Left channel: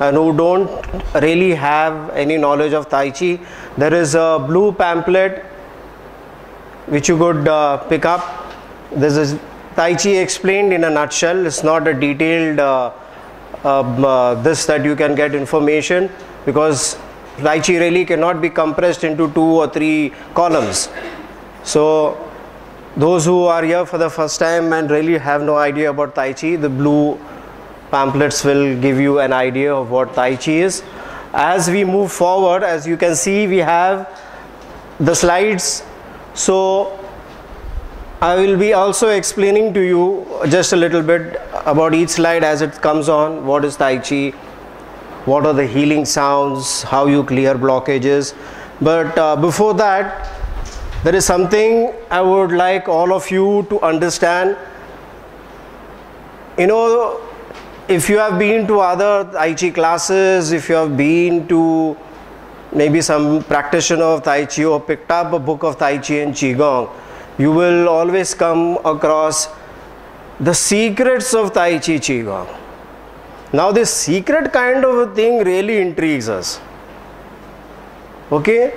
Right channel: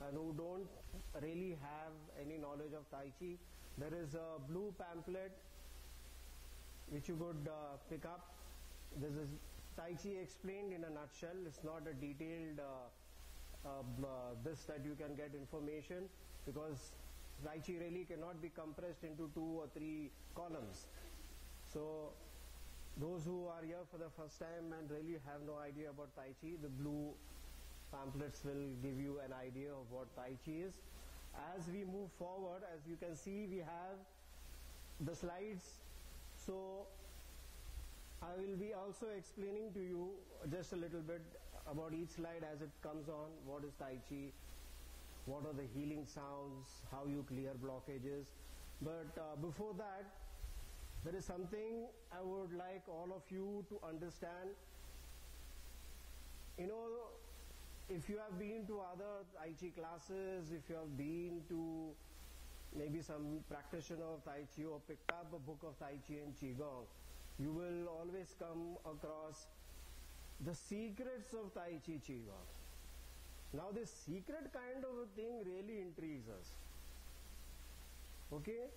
and who don't really have any knowledge of Tai Chi, there is a blue pamphlet which you could pick up. This is Tai Chi explained in a nutshell. It's not a detailed this that you can get information, because Tai Chi really cannot be compressed into 2 or 3 columns. So those who are here for the first time and really have no idea about Tai Chi, the blue pamphlets will give you an idea of what Tai Chi is. As we move forward, as you can see, we have the slides. So I will be also explaining to you just a little bit about each slide as it comes on. What is Tai Chi? What are the healing sounds? How you clear blockages? But before that, there is something I would like all of you to understand. You know, if you have been to other Tai Chi classes, if you have been to maybe some practitioner of Tai Chi or picked up a book of Tai Chi and Qigong, you will always come across the secrets of Tai Chi Qigong. Now this secret kind of a thing really intrigues us. Okay?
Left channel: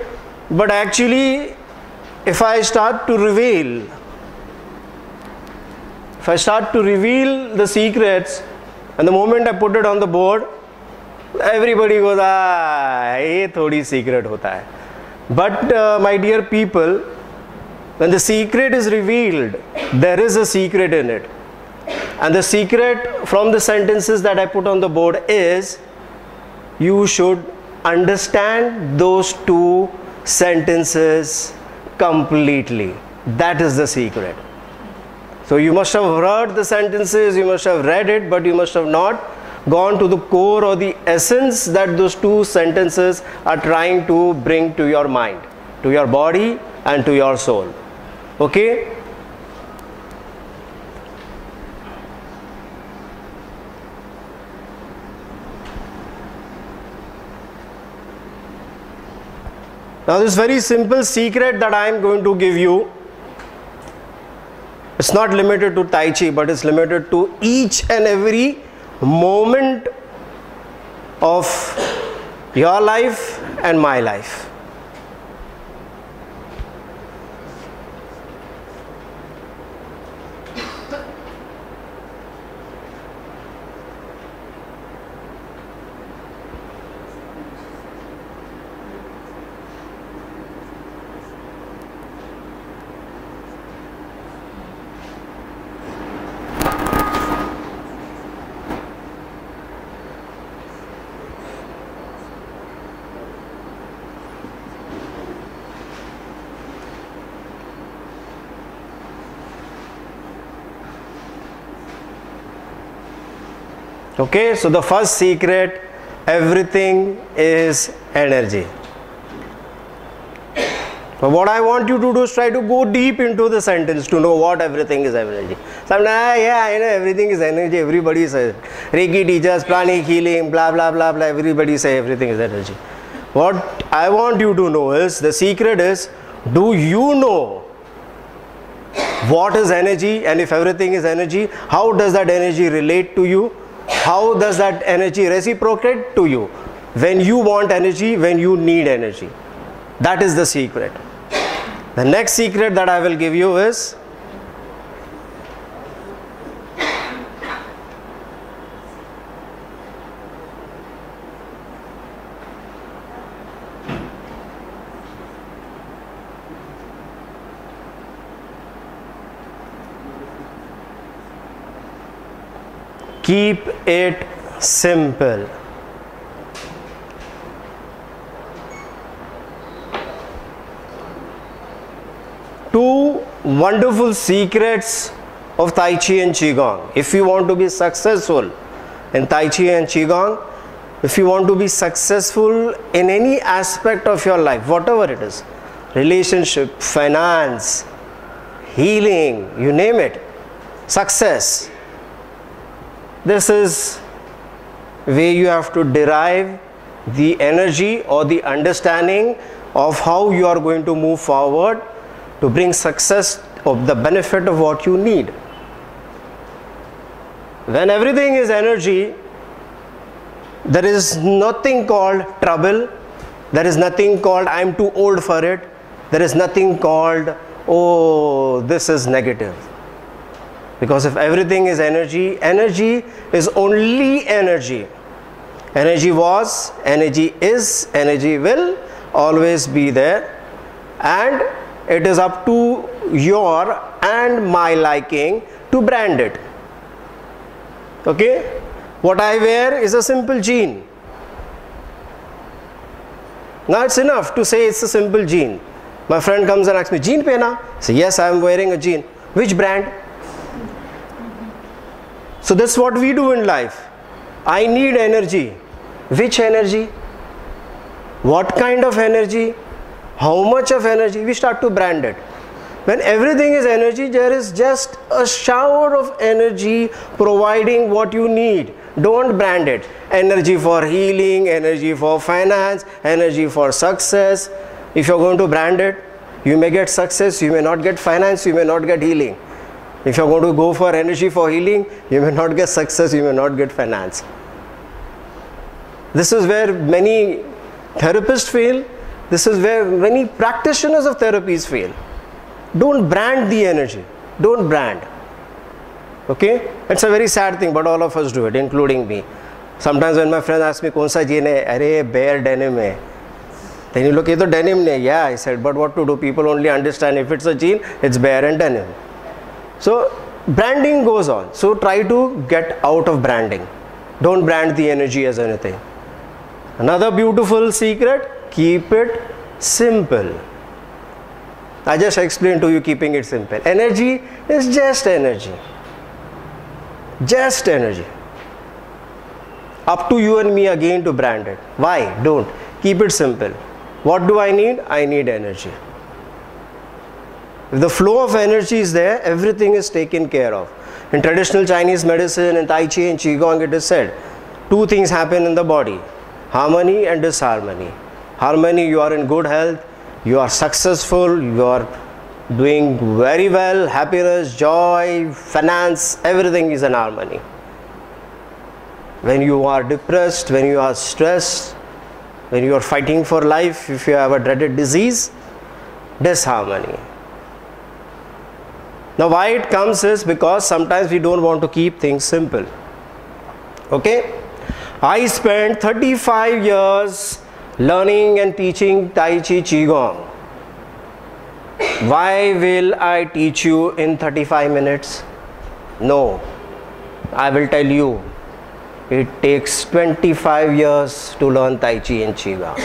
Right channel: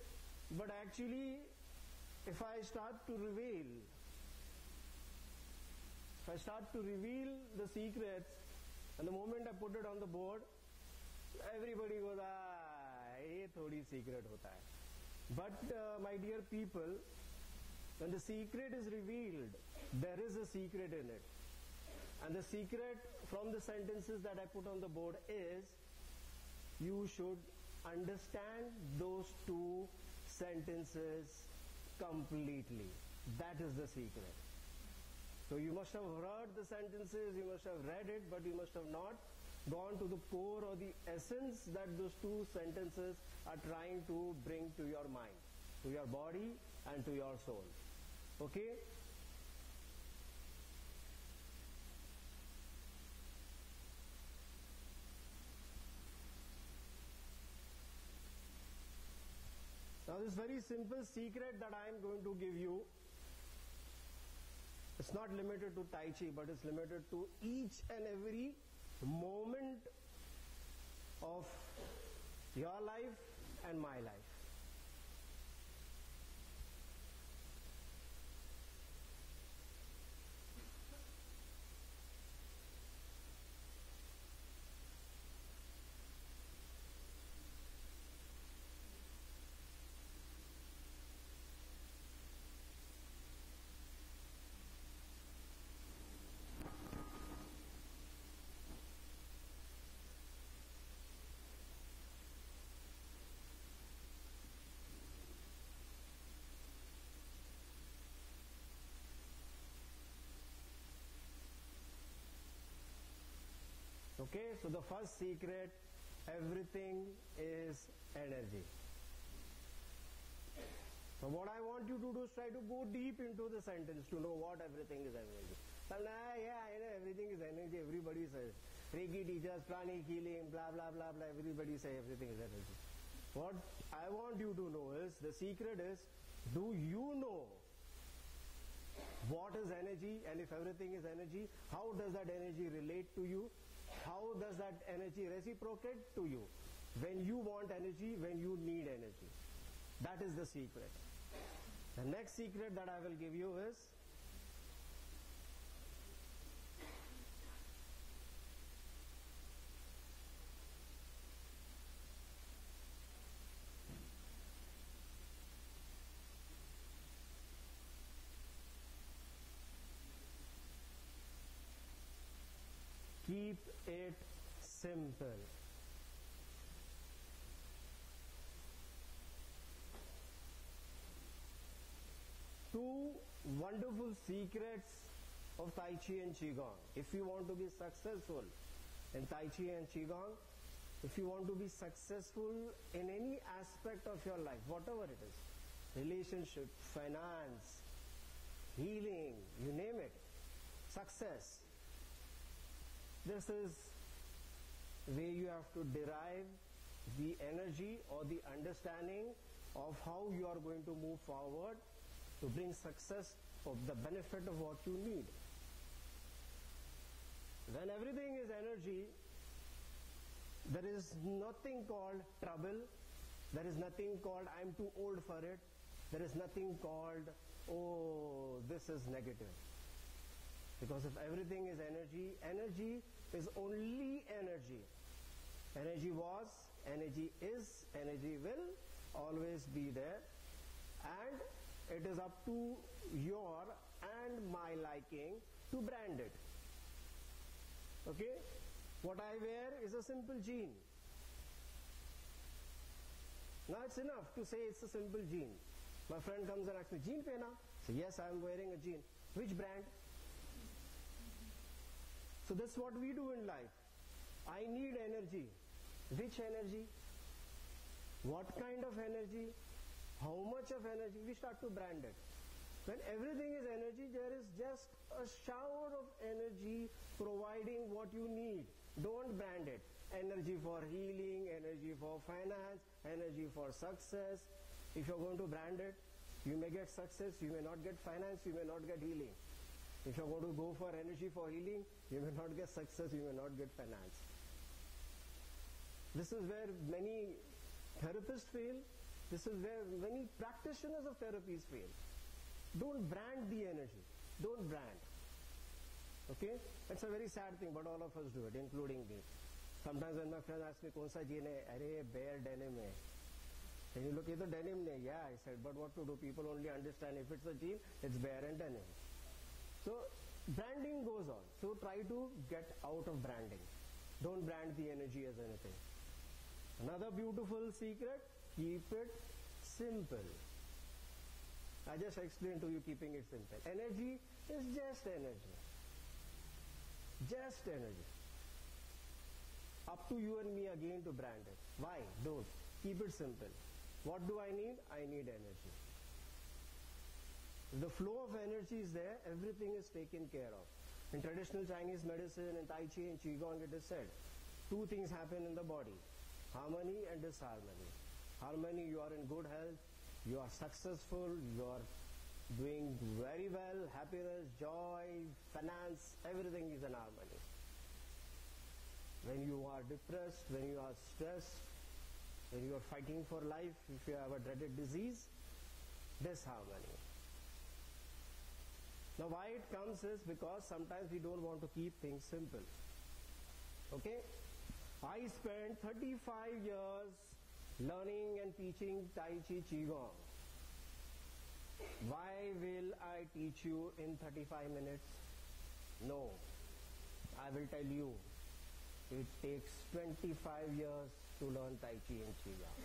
But actually, if I start to reveal the secrets, and the moment I put it on the board, everybody goes, ye thodi secret hota hai. But my dear people, when the secret is revealed, there is a secret in it. And the secret from the sentences that I put on the board is, you should understand those 2 sentences completely. That is the secret. So you must have heard the sentences, you must have read it, but you must have not gone to the core or the essence that those 2 sentences are trying to bring to your mind, to your body and to your soul. Okay? Now this very simple secret that I am going to give you, it's not limited to Tai Chi, but it's limited to each and every moment of your life and my life. Okay, so the first secret, everything is energy. But what I want you to do is try to go deep into the sentence to know what everything is energy. Sometimes, yeah, I know everything is energy, everybody says. Reiki teachers, pranic healing, blah, blah, blah, blah, everybody says everything is energy. What I want you to know is, the secret is, do you know what is energy? And if everything is energy, how does that energy relate to you? How does that energy reciprocate to you when you want energy, when you need energy? That is the secret. The next secret that I will give you is, keep it simple. Two wonderful secrets of Tai Chi and Qigong. If you want to be successful in Tai Chi and Qigong, if you want to be successful in any aspect of your life, whatever it is, relationship, finance, healing, you name it, success, this is where you have to derive the energy or the understanding of how you are going to move forward to bring success of the benefit of what you need. When everything is energy, There is nothing called trouble. There is nothing called I'm too old for it. There is nothing called, oh, this is negative. Because if everything is energy, energy is only energy. Energy was, energy is, energy will always be there. And it is up to your and my liking to brand it. Okay? What I wear is a simple jean. Now it's enough to say it's a simple jean. My friend comes and asks me, jean pehna? I say, yes, I am wearing a jean. Which brand? So that's what we do in life. I need energy. Which energy? What kind of energy? How much of energy? We start to brand it. When everything is energy, there is just a shower of energy providing what you need. Don't brand it. Energy for healing, energy for finance, energy for success. If you're going to brand it, you may get success, you may not get finance, you may not get healing. If you're going to go for energy for healing, you may not get success, you may not get finance. This is where many therapists fail. This is where many practitioners of therapies fail. Don't brand the energy. Don't brand. Okay? It's a very sad thing, but all of us do it, including me. Sometimes when my friends ask me, "Kaun sa jean hai?" "Arey, bare denim hai." Then you look, "Ye to denim nahi." "Yeah," I said, but what to do? People only understand if it's a jean, it's bare and denim. So branding goes on. So try to get out of branding. Don't brand the energy as anything. Another beautiful secret, keep it simple. I just explained to you keeping it simple. Energy is just energy. Just energy. Up to you and me again to brand it. Why? Don't. Keep it simple. What do I need? I need energy. If the flow of energy is there, everything is taken care of. In traditional Chinese medicine, in Tai Chi and Qigong, it is said, two things happen in the body. Harmony and disharmony. Harmony, you are in good health, you are successful, you are doing very well, happiness, joy, finance, everything is in harmony. When you are depressed, when you are stressed, when you are fighting for life, if you have a dreaded disease, disharmony. Now why it comes is because sometimes we don't want to keep things simple. Okay? I spent 35 years learning and teaching Tai Chi Qigong. Why will I teach you in 35 minutes? No. I will tell you. It takes 25 years to learn Tai Chi and Qigong.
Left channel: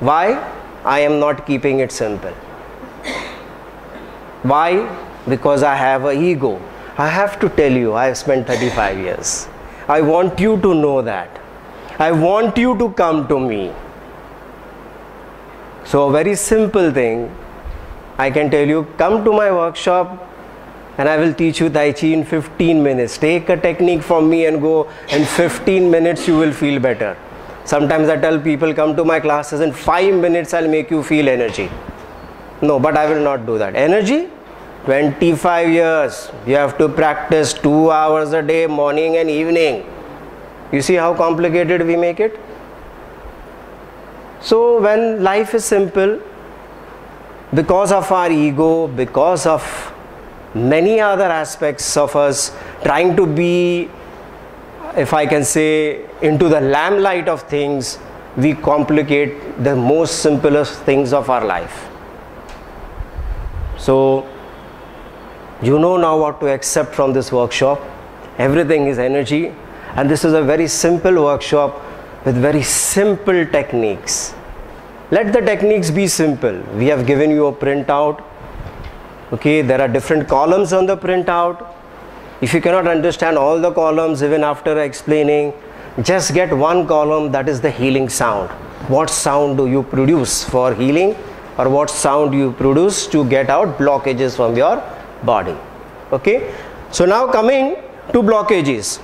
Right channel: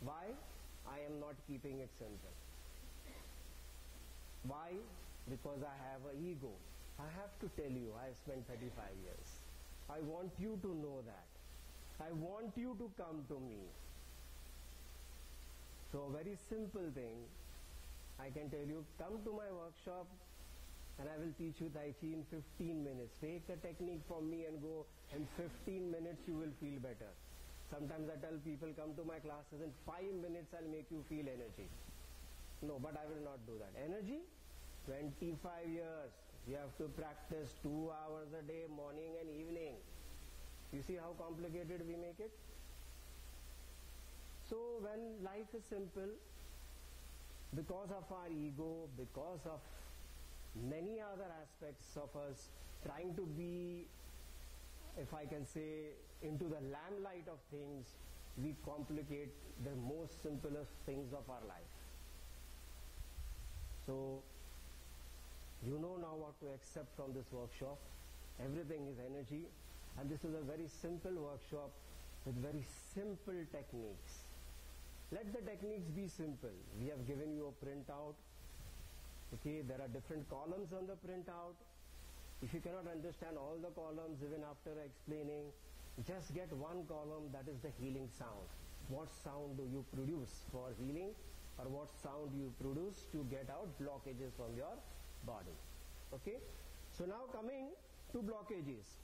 Why? I am not keeping it simple. Why? Because I have an ego. I have to tell you, I have spent 35 years. I want you to know that. I want you to come to me. So a very simple thing, I can tell you, come to my workshop and I will teach you Tai Chi in 15 minutes. Take a technique from me and go, in 15 minutes you will feel better. Sometimes I tell people, come to my classes, in 5 minutes I'll make you feel energy. No, but I will not do that. Energy? 25 years. You have to practice 2 hours a day, morning and evening. You see how complicated we make it? So when life is simple, because of our ego, because of many other aspects of us trying to be, if I can say, into the lamplight of things, we complicate the most simplest things of our life. So you know now what to accept from this workshop. Everything is energy, and this is a very simple workshop with very simple techniques. Let the techniques be simple. We have given you a printout. Okay, there are different columns on the printout. If you cannot understand all the columns even after explaining, just get one column, that is the healing sound. What sound do you produce for healing, or what sound you produce to get out blockages from your body? Okay, so now coming to blockages.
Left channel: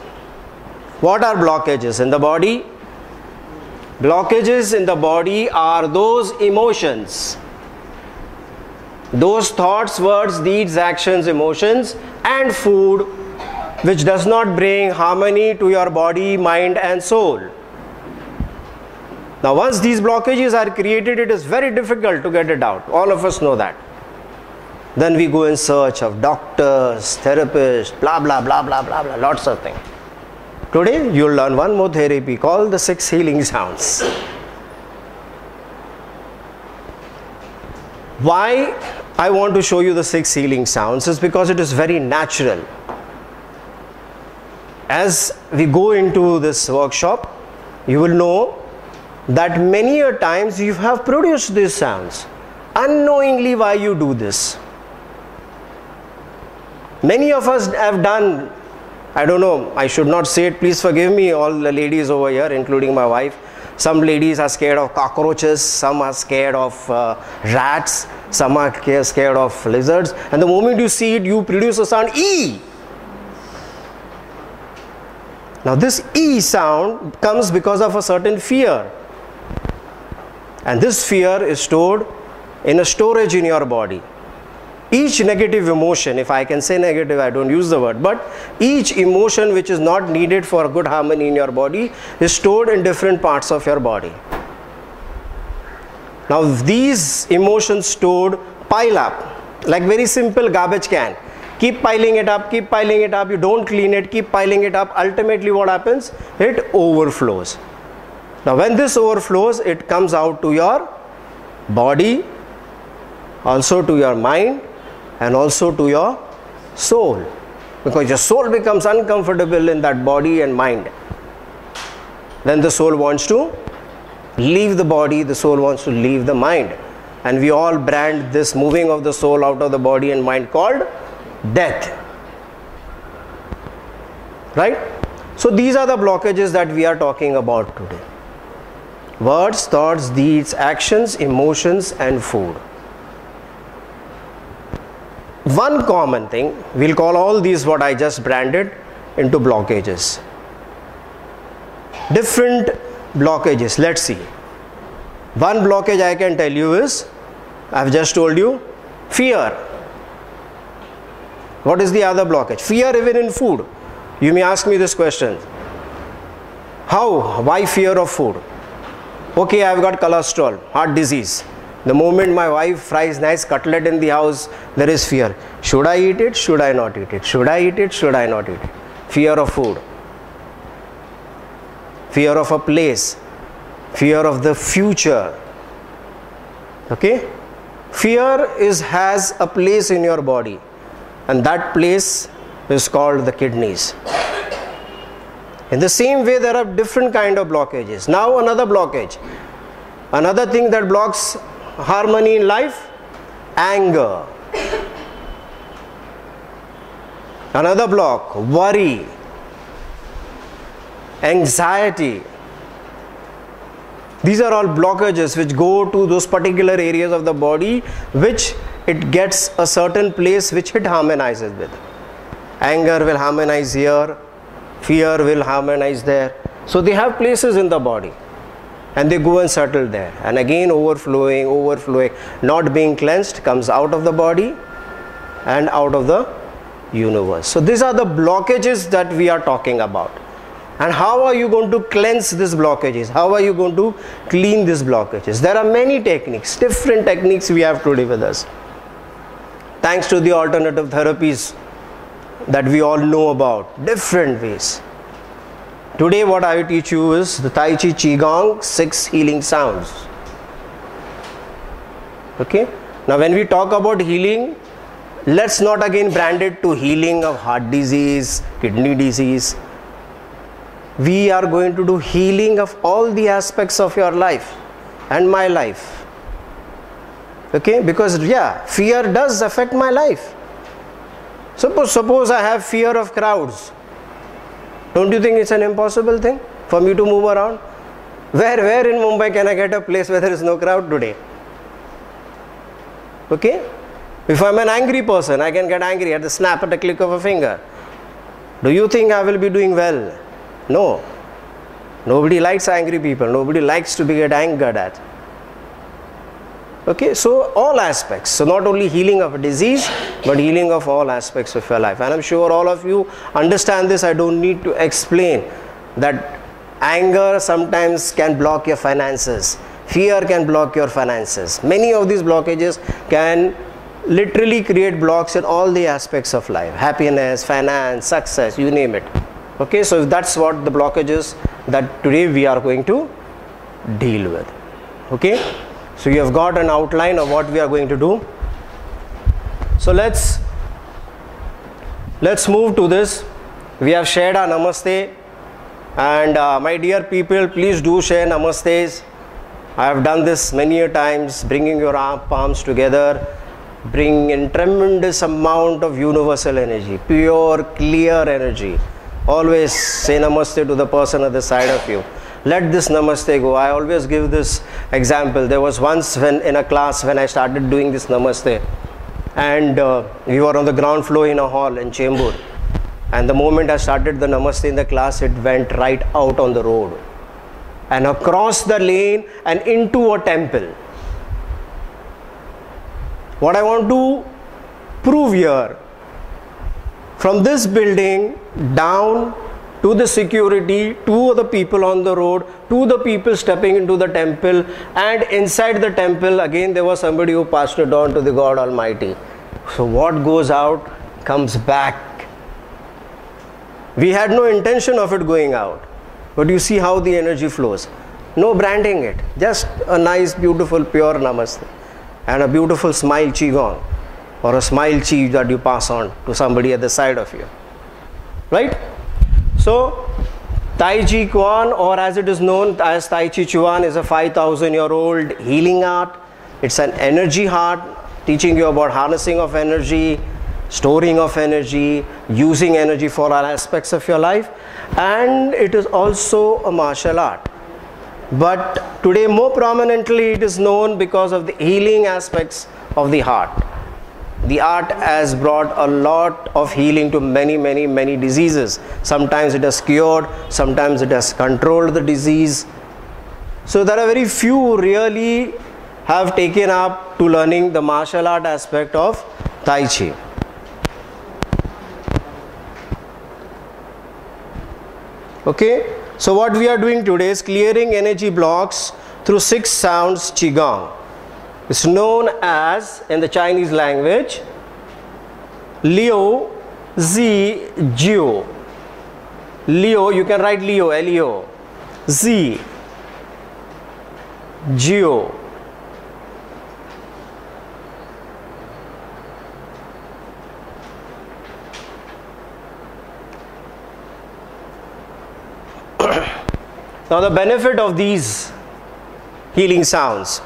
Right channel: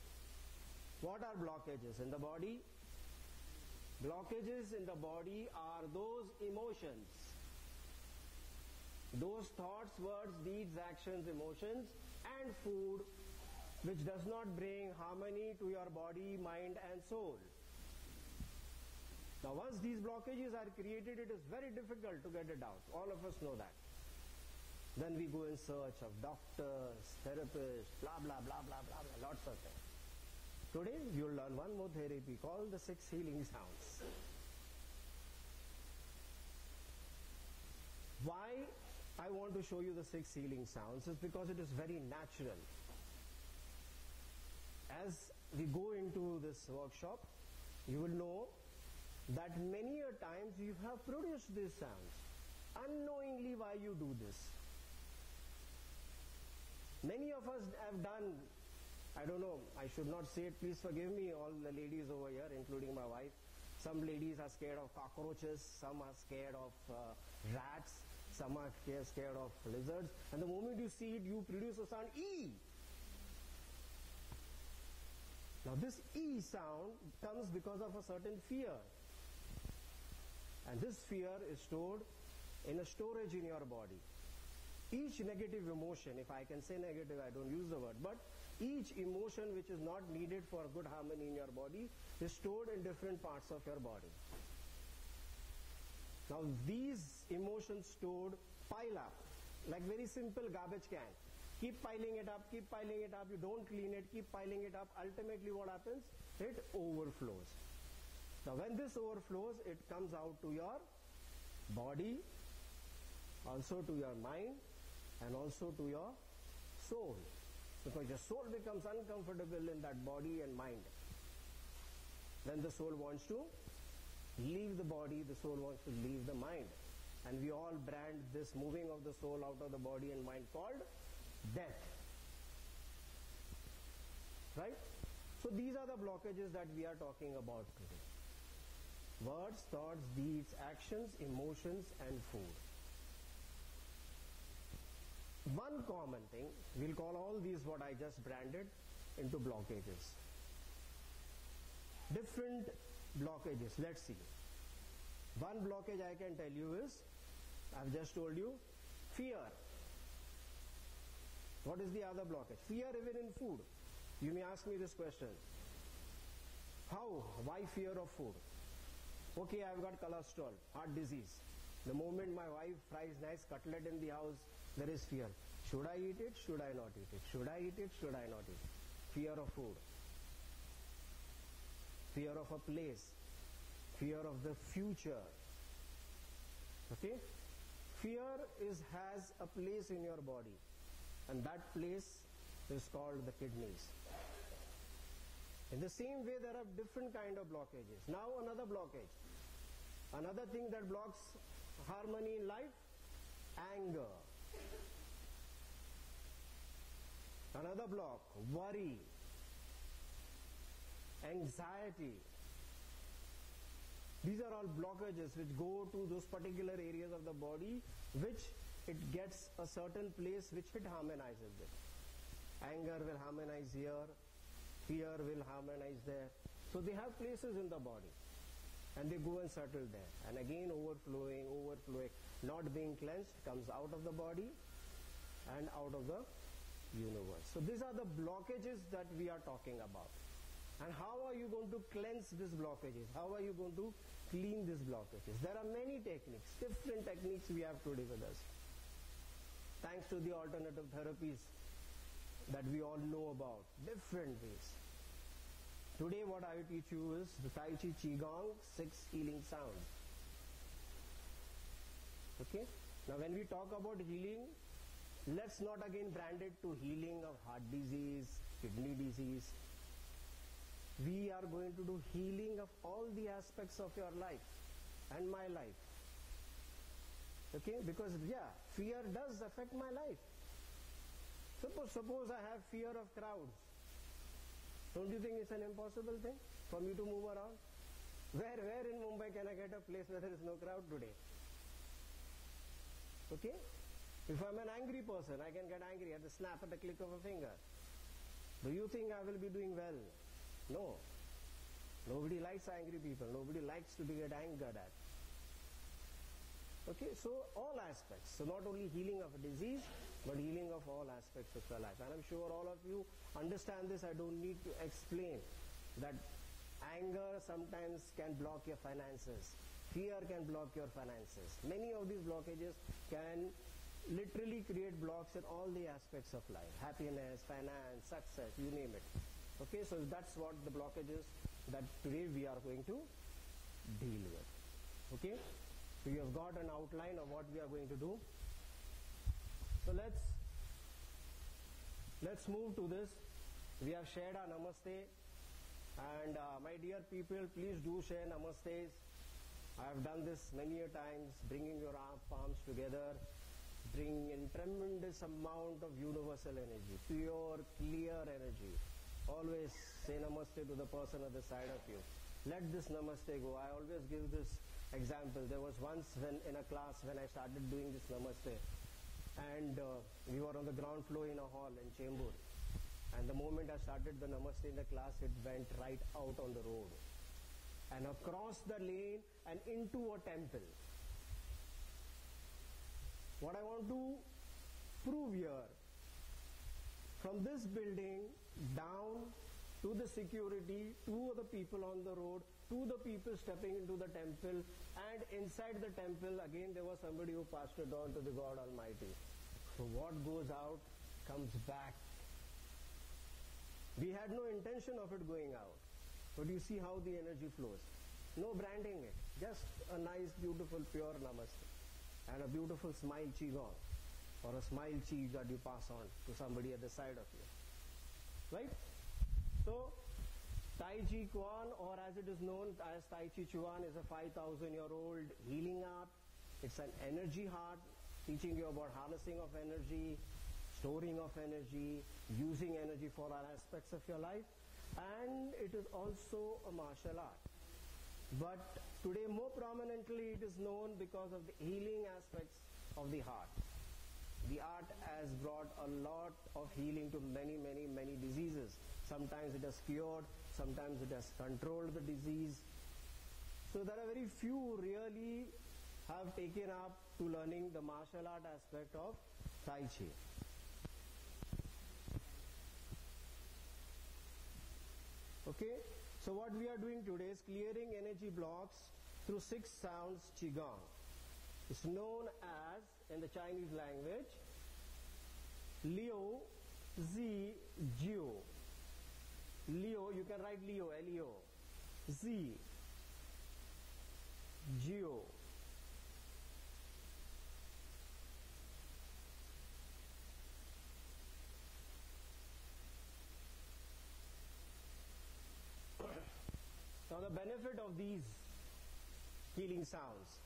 What are blockages in the body? Blockages in the body are those emotions, those thoughts, words, deeds, actions, emotions and food which does not bring harmony to your body, mind and soul. Now once these blockages are created, it is very difficult to get it out. All of us know that. Then we go in search of doctors, therapists, blah, blah, blah, blah, blah, blah, lots of things. Today you will learn one more therapy called the 6 healing sounds. Why I want to show you the 6 healing sounds is because it is very natural. As we go into this workshop, you will know that many a times you have produced these sounds unknowingly. Why you do this? Many of us have done, I don't know, I should not say it, please forgive me, all the ladies over here, including my wife. Some ladies are scared of cockroaches, some are scared of rats, some are scared of lizards, and the moment you see it, you produce a sound E. Now this E sound comes because of a certain fear, and this fear is stored in a storage in your body. Each negative emotion, if I can say negative, I don't use the word, but each emotion which is not needed for good harmony in your body is stored in different parts of your body. Now these emotions stored pile up like very simple garbage can. Keep piling it up, you don't clean it, keep piling it up. Ultimately what happens? It overflows. Now when this overflows, it comes out to your body, also to your mind, and also to your soul, because your soul becomes uncomfortable in that body and mind. Then the soul wants to leave the body, the soul wants to leave the mind, and we all brand this moving of the soul out of the body and mind called death, right? So these are the blockages that we are talking about today: words, thoughts, deeds, actions, emotions, and food. One common thing, we'll call all these what I just branded into blockages. Different blockages, let's see. One blockage I can tell you is, I've just told you, fear. What is the other blockage? Fear even in food. You may ask me this question: how? Why fear of food? Okay, I've got cholesterol, heart disease. The moment my wife fries nice cutlet in the house, there is fear. Should I eat it? Should I not eat it? Should I eat it? Should I not eat it? Fear of food. Fear of a place. Fear of the future. Okay? Fear has a place in your body, and that place is called the kidneys. In the same way, there are different kind of blockages. Now another blockage. Another thing that blocks harmony in life: anger. Another block: worry, anxiety. These are all blockages which go to those particular areas of the body which it gets a certain place which it harmonizes with. Anger will harmonize here, fear will harmonize there. So they have places in the body, and they go and settle there, and again overflowing, not being cleansed, comes out of the body and out of the universe. So these are the blockages that we are talking about. And how are you going to cleanse these blockages? How are you going to clean these blockages? There are many techniques, different techniques we have today with us, thanks to the alternative therapies that we all know about, different ways. Today what I will teach you is the Tai Chi Qigong 6 healing sounds. Okay? Now when we talk about healing, let's not again brand it to healing of heart disease, kidney disease. We are going to do healing of all the aspects of your life and my life. Okay? Because yeah, fear does affect my life. Suppose I have fear of crowds. Don't you think it's an impossible thing for me to move around? Where in Mumbai can I get a place where there is no crowd today? Okay? If I'm an angry person, I can get angry at the snap, at a click of a finger. Do you think I will be doing well? No. Nobody likes angry people. Nobody likes to be get angered at. Okay, so all aspects. So not only healing of a disease, but healing of all aspects of your life. And I'm sure all of you understand this. I don't need to explain that Anger sometimes can block your finances. Fear can block your finances. Many of these blockages can literally create blocks in all the aspects of life. Happiness, finance, success, you name it. Okay, so that's what the blockages that today we are going to deal with. Okay, so you have got an outline of what we are going to do. So let's move to this. We have shared our namaste, and my dear people, please do share namastes. I have done this many a times, bringing your palms together, bringing in tremendous amount of universal energy, pure, clear energy. Always say namaste to the person at the side of you. Let this namaste go. I always give this example. There was once in a class when I started doing this namaste, and we were on the ground floor in a hall in Chembur, and the moment I started the namaste in the class, it went right out on the road and across the lane and into a temple. What I want to prove here, from this building down to the security, to the people on the road, to the people stepping into the temple, and inside the temple again there was somebody who passed it on to the God Almighty. So what goes out comes back. We had no intention of it going out, but you see how the energy flows. No branding it, just a nice, beautiful, pure namaste and a beautiful smile qigong, or a smile chi that you pass on to somebody at the side of you, right? So Tai Chi Chuan, or as it is known as Tai Chi Chuan, is a 5,000-year-old healing art. It's an energy art, teaching you about harnessing of energy, storing of energy, using energy for all aspects of your life, and it is also a martial art. But today more prominently it is known because of the healing aspects of the heart. The art has brought a lot of healing to many diseases. Sometimes it has cured, sometimes it has controlled the disease. So there are very few who really have taken up to learning the martial art aspect of Tai Chi. Okay, so what we are doing today is clearing energy blocks through 6 sounds Qigong. It's known as, in the Chinese language, Liu Zi Jiu. Liu, you can write Liu, L-E-O. Zi Jiu. Now the benefit of these healing sounds,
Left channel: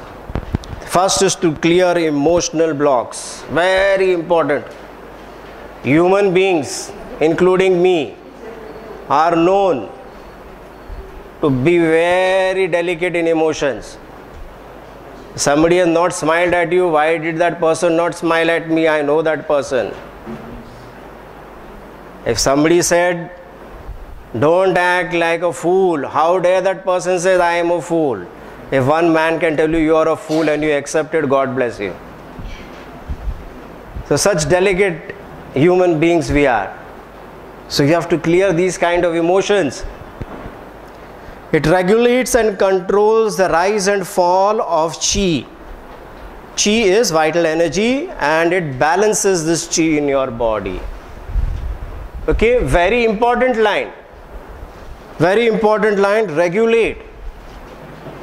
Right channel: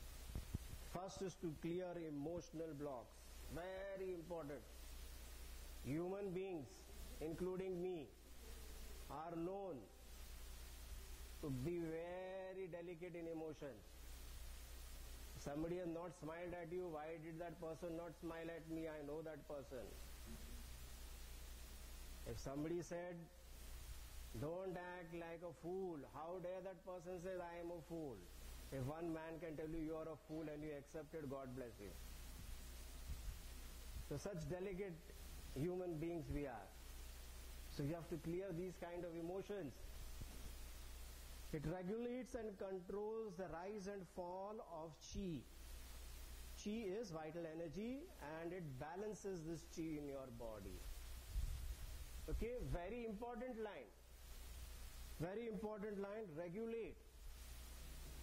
first is to clear emotional blocks. Very important. Human beings, including me, are known to be very delicate in emotions. Somebody has not smiled at you. Why did that person not smile at me? I know that person. If somebody said, don't act like a fool, how dare that person say, I am a fool? If one man can tell you you are a fool and you accept it, God bless you. So such delicate human beings we are. So you have to clear these kind of emotions. It regulates and controls the rise and fall of Qi. Qi is vital energy, and it balances this Qi in your body. Okay, very important line. Very important line, regulate.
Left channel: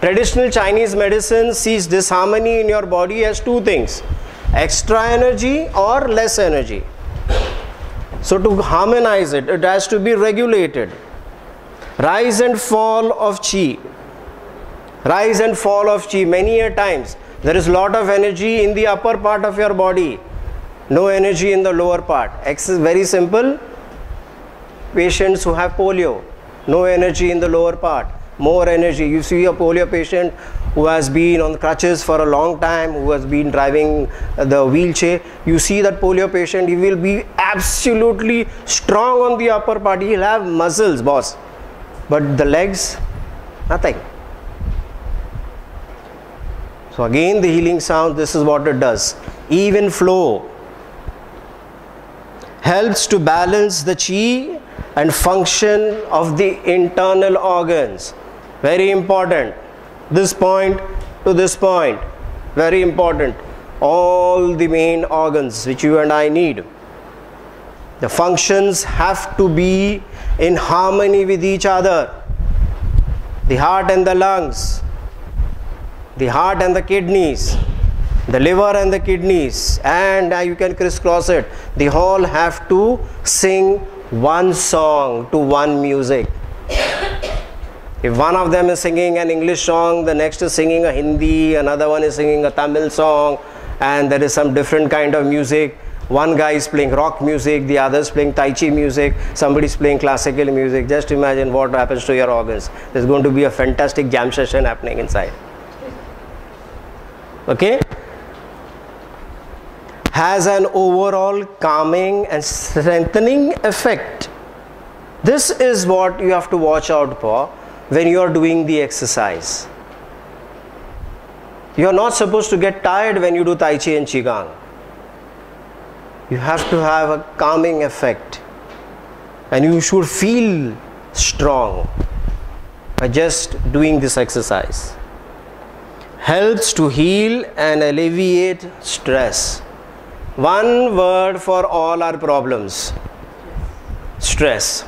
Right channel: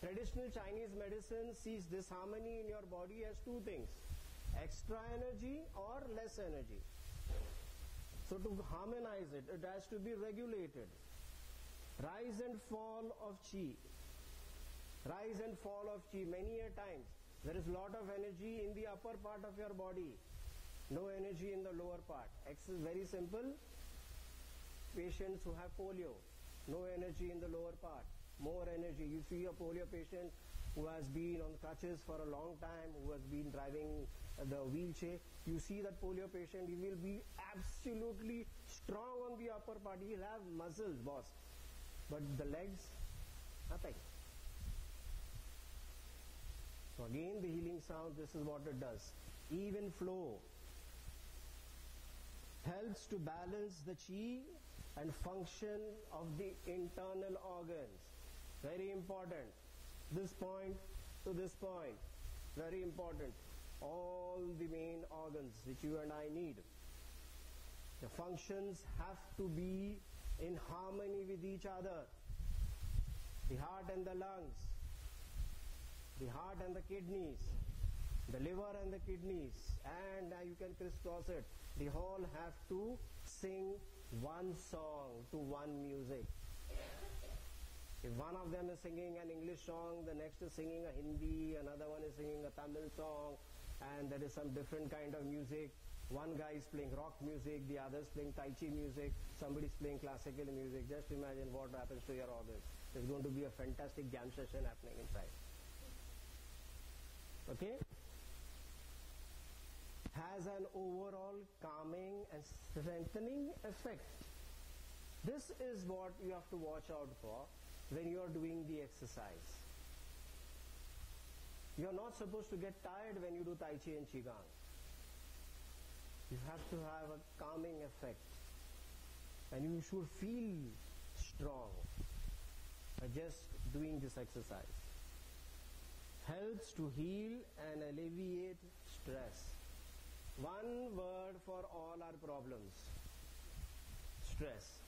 Traditional Chinese medicine sees disharmony in your body as 2 things: extra energy or less energy. So to harmonize it, it has to be regulated. Rise and fall of Qi. Rise and fall of Qi. Many a times there is lot of energy in the upper part of your body, no energy in the lower part. X is very simple. Patients who have polio, no energy in the lower part, more energy. You see a polio patient who has been on crutches for a long time, who has been driving the wheelchair. You see that polio patient, he will be absolutely strong on the upper part. He will have muscles, boss. But the legs, nothing. So again the healing sound, this is what it does. Even flow. Helps to balance the Qi and function of the internal organs. Very important. This point to this point, very important. All the main organs which you and I need, the functions have to be in harmony with each other. The heart and the lungs, the heart and the kidneys, the liver and the kidneys, and you can crisscross it. They all have to sing one song to one music. If one of them is singing an English song, the next is singing a Hindi, another one is singing a Tamil song, and there is some different kind of music. One guy is playing rock music, the other is playing Tai Chi music, somebody is playing classical music. Just imagine what happens to your organs. There's going to be a fantastic jam session happening inside. Okay? Has an overall calming and strengthening effect. This is what you have to watch out for when you are doing the exercise. You are not supposed to get tired when you do Tai Chi and Qigong. You have to have a calming effect, and you should feel strong by just doing this exercise. Helps to heal and alleviate stress. One word for all our problems: stress.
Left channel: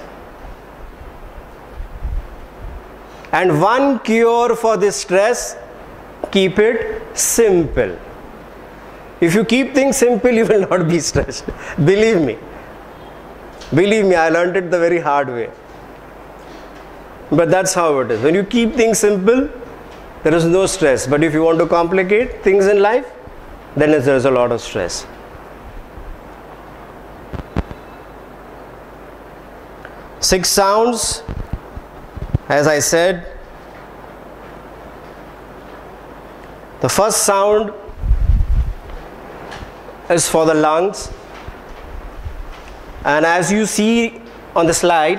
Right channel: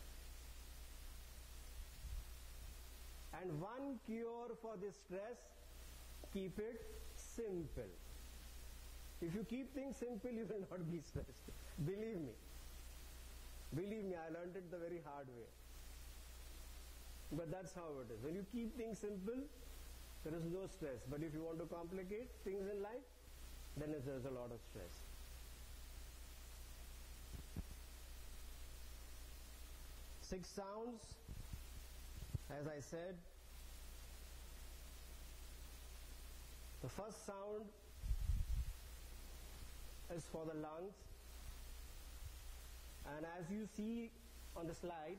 And one cure for this stress: keep it simple. If you keep things simple, you will not be stressed. Believe me. Believe me, I learned it the very hard way. But that's how it is. When you keep things simple, there is no stress. But if you want to complicate things in life, then there is a lot of stress. Six sounds, as I said. The first sound is for the lungs, and as you see on the slide,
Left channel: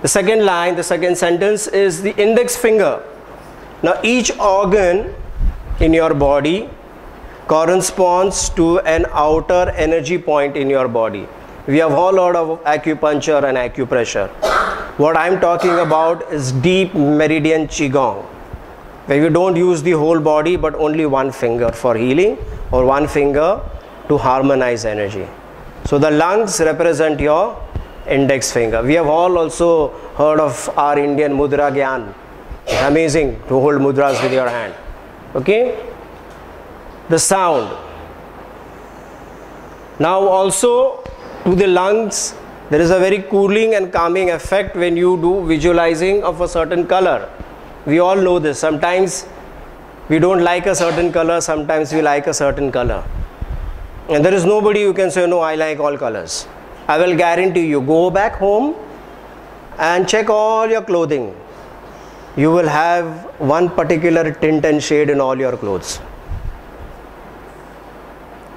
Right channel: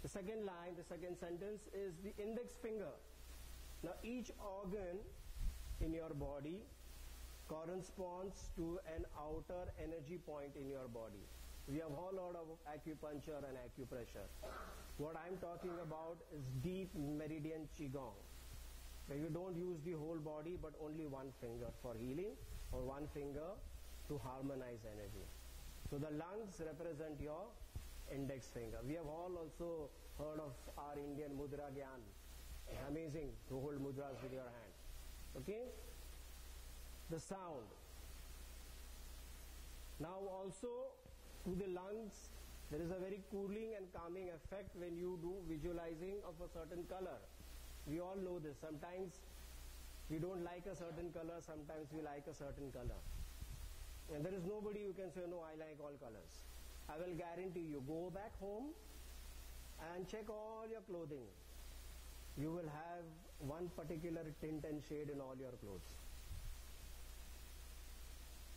the second line, the second sentence is the index finger. Now each organ in your body corresponds to an outer energy point in your body. We have all heard of acupuncture and acupressure. What I am talking about is deep meridian Qigong, where you don't use the whole body but only one finger for healing, or one finger to harmonize energy. So the lungs represent your index finger. We have all also heard of our Indian mudra gyan. It's amazing to hold mudras with your hand. Okay? The sound. Now also to the lungs, there is a very cooling and calming effect when you do visualizing of a certain color. We all know this. Sometimes we don't like a certain color, sometimes we like a certain color. And there is nobody who can say, no, I like all colors. I will guarantee you, go back home and check all your clothing. You will have one particular tint and shade in all your clothes.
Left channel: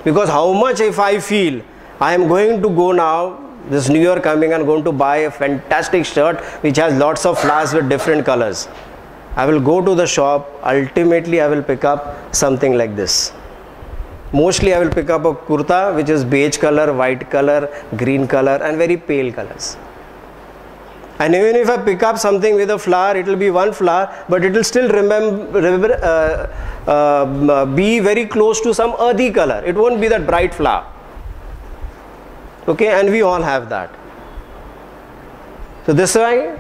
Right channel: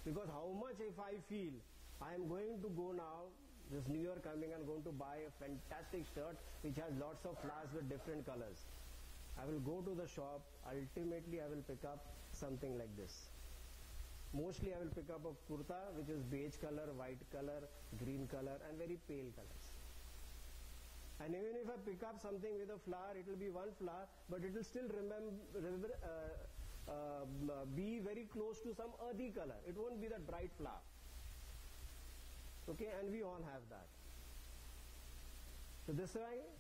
Because how much if I feel, I am going to go now, this New Year coming, and going to buy a fantastic shirt which has lots of flowers with different colors. I will go to the shop, ultimately I will pick up something like this. Mostly I will pick up a kurta which is beige color, white color, green color and very pale colors. And even if I pick up something with a flower, it will be one flower, but it will still be very close to some earthy color. It won't be that bright flower. Okay, and we all have that. So this is why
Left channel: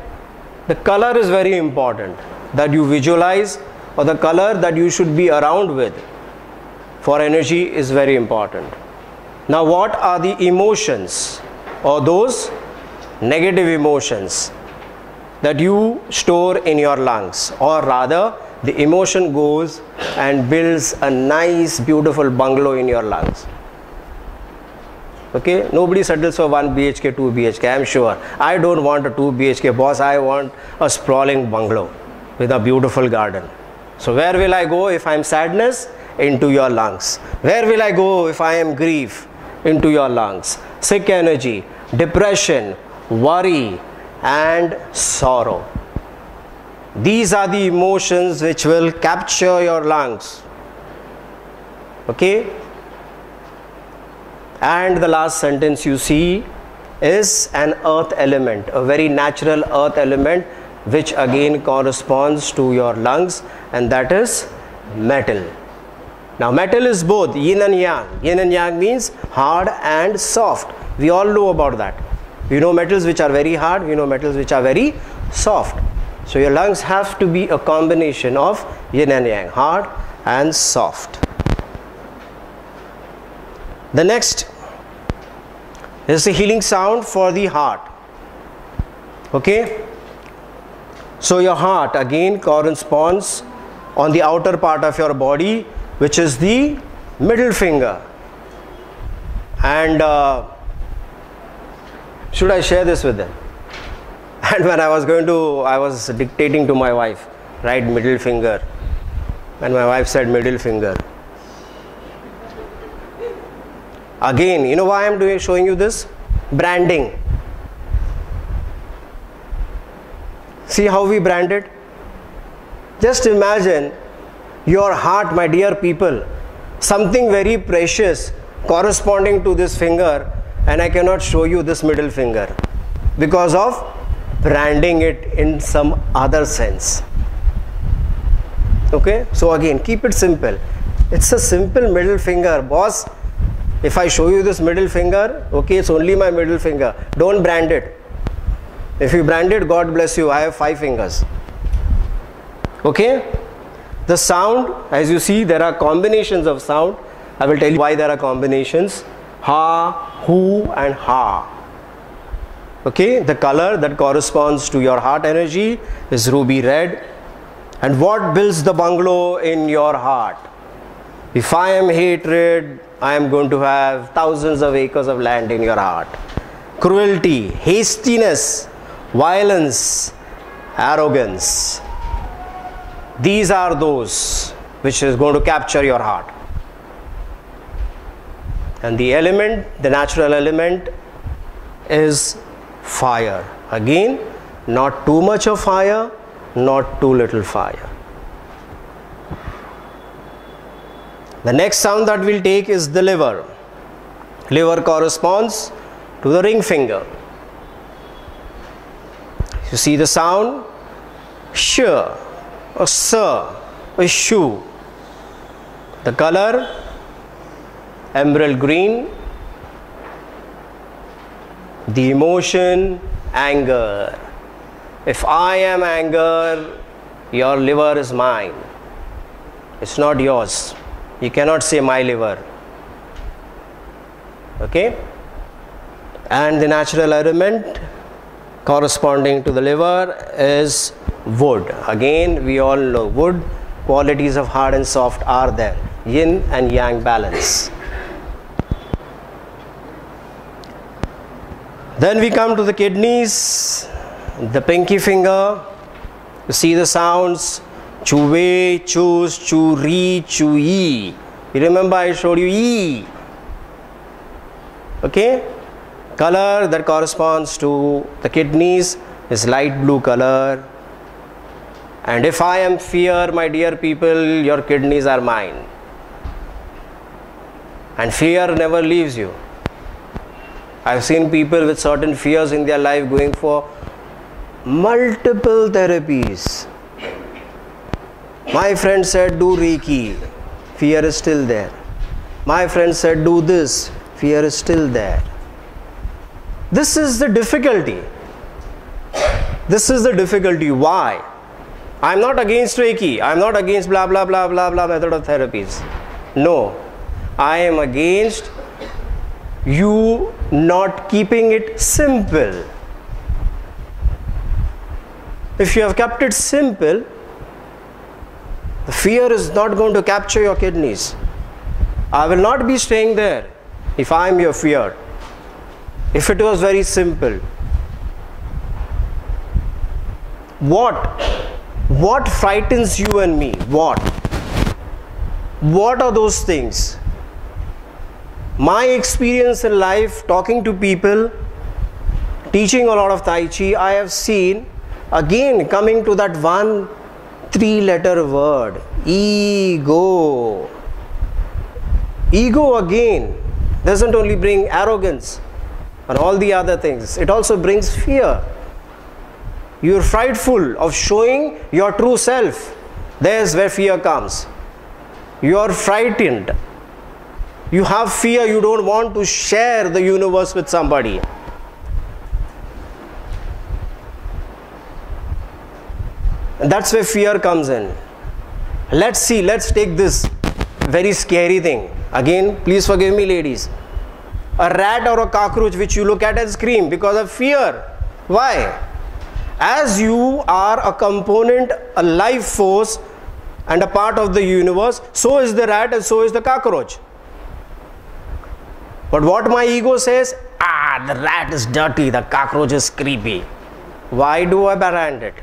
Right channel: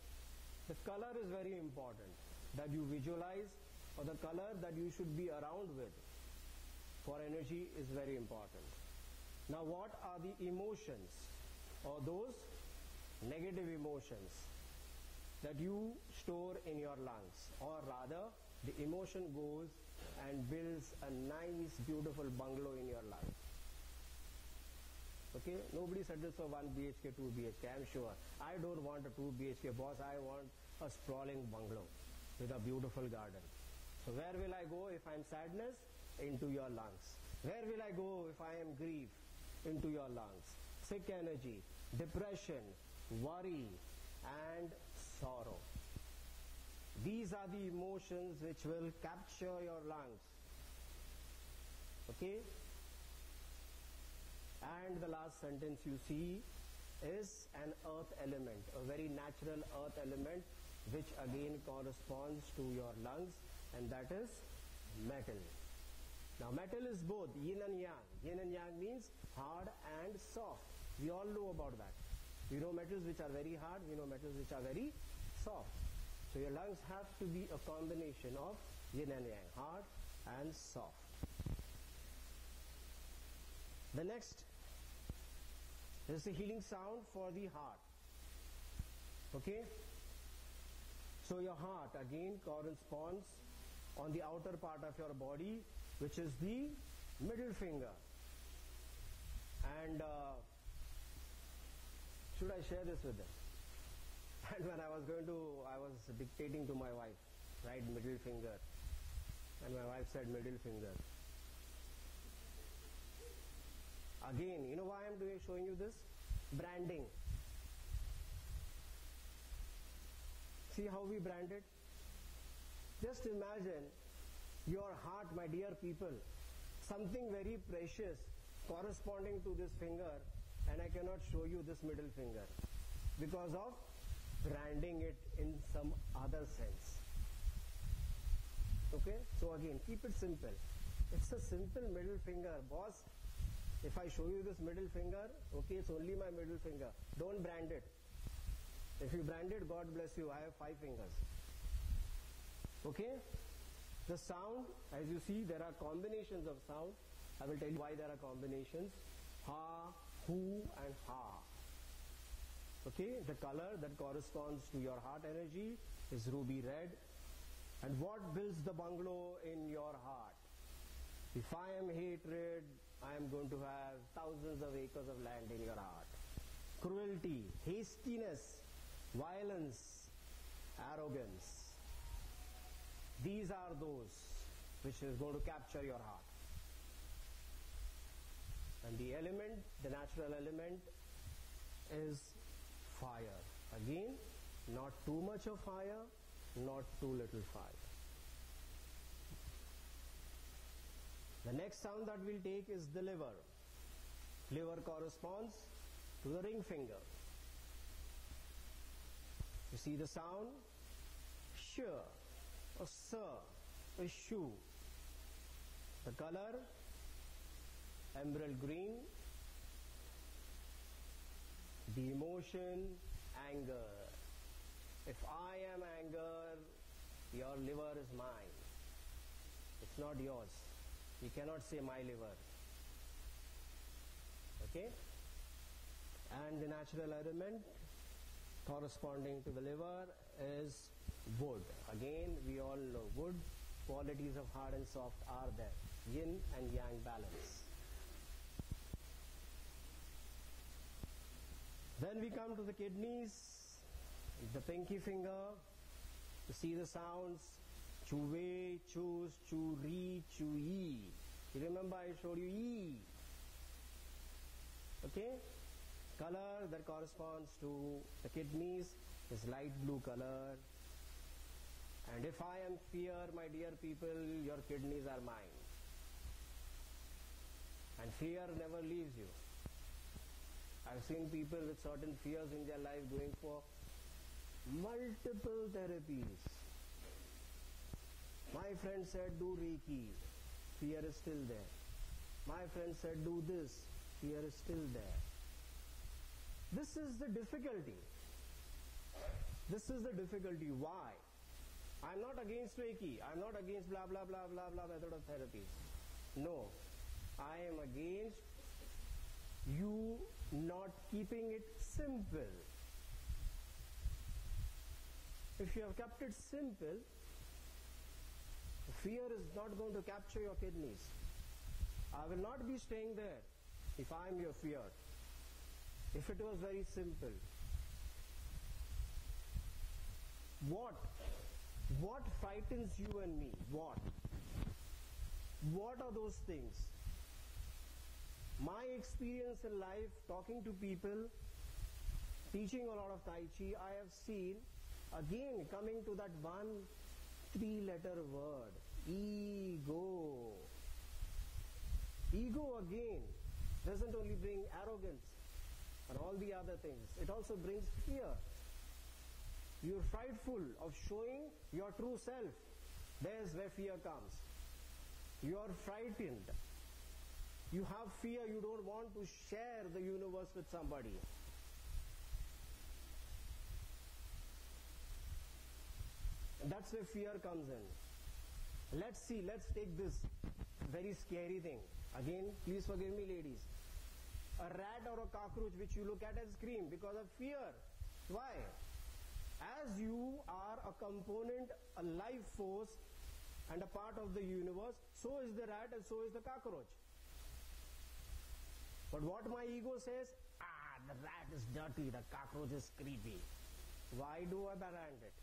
the color is very important, that you visualize, or the color that you should be around with for energy is very important. Now what are the emotions, or those negative emotions that you store in your lungs, or rather the emotion goes and builds a nice beautiful bungalow in your lungs. Okay, nobody settles for 1 BHK, 2 BHK, I am sure. I don't want a 2 BHK, boss, I want a sprawling bungalow with a beautiful garden. So where will I go if I am sadness? Into your lungs. Where will I go if I am grief? Into your lungs. Sick energy, depression, worry and sorrow. These are the emotions which will capture your lungs. Okay? And the last sentence you see, is an earth element, a very natural earth element, which again corresponds to your lungs, and that is metal. Now metal is both yin and yang. Yin and yang means hard and soft. We all know about that. We know metals which are very hard, we know metals which are very soft. So your lungs have to be a combination of yin and yang, hard and soft. The next is the healing sound for the heart. Okay? So your heart again corresponds on the outer part of your body, which is the middle finger. And should I share this with them? And when I was dictating to my wife, right, middle finger. And my wife said middle finger. Again, you know why I'm showing you this? Branding. See how we brand it? Just imagine your heart, my dear people, something very precious corresponding to this finger, and I cannot show you this middle finger because of branding it in some other sense. Okay, so again, keep it simple. It's a simple middle finger, boss. If I show you this middle finger, okay, it's only my middle finger. Don't brand it. If you brand it, God bless you, I have 5 fingers. Okay? The sound, as you see, there are combinations of sound. I will tell you why there are combinations. Ha, hu and ha. Okay? The color that corresponds to your heart energy is ruby red. And what builds the bungalow in your heart? If I am hatred, I am going to have thousands of acres of land in your heart. Cruelty, hastiness, violence, arrogance. These are those which is going to capture your heart. And the element, the natural element is fire. Again, not too much of fire, not too little fire. The next sound that we'll take is the liver. Liver corresponds to the ring finger. You see the sound? Sh, or sa, or shu. The color? Emerald green. The emotion? Anger. If I am anger, your liver is mine. It's not yours. You cannot say my liver. Okay? And the natural element corresponding to the liver is wood. Again, we all know wood, qualities of hard and soft are there. Yin and yang balance. Then we come to the kidneys, the pinky finger. You see the sounds. Chuwe, choose, churi, chui. You remember I showed you E. Okay? Color that corresponds to the kidneys is light blue color. And if I am fear, my dear people, your kidneys are mine. And fear never leaves you. I've seen people with certain fears in their life going for multiple therapies. My friend said do Reiki, fear is still there. My friend said do this, fear is still there. This is the difficulty. This is the difficulty. Why? I'm not against Reiki. I'm not against blah blah blah blah blah method of therapies. No. I am against you not keeping it simple. If you have kept it simple, the fear is not going to capture your kidneys. I will not be staying there if I am your fear. If it was very simple. What frightens you and me? What are those things? My experience in life, talking to people, teaching a lot of Tai Chi, I have seen, again coming to that one 3-letter word, ego. Ego again doesn't only bring arrogance. and all the other things. It also brings fear. You're frightful of showing your true self. There's where fear comes. You're frightened. You have fear. You don't want to share the universe with somebody. And that's where fear comes in. Let's see, let's take this very scary thing. Again, please forgive me, ladies. A rat or a cockroach which you look at and scream because of fear. Why? As you are a component, a life force, and a part of the universe, so is the rat and so is the cockroach. But what my ego says, the rat is dirty, the cockroach is creepy. Why do I brand it?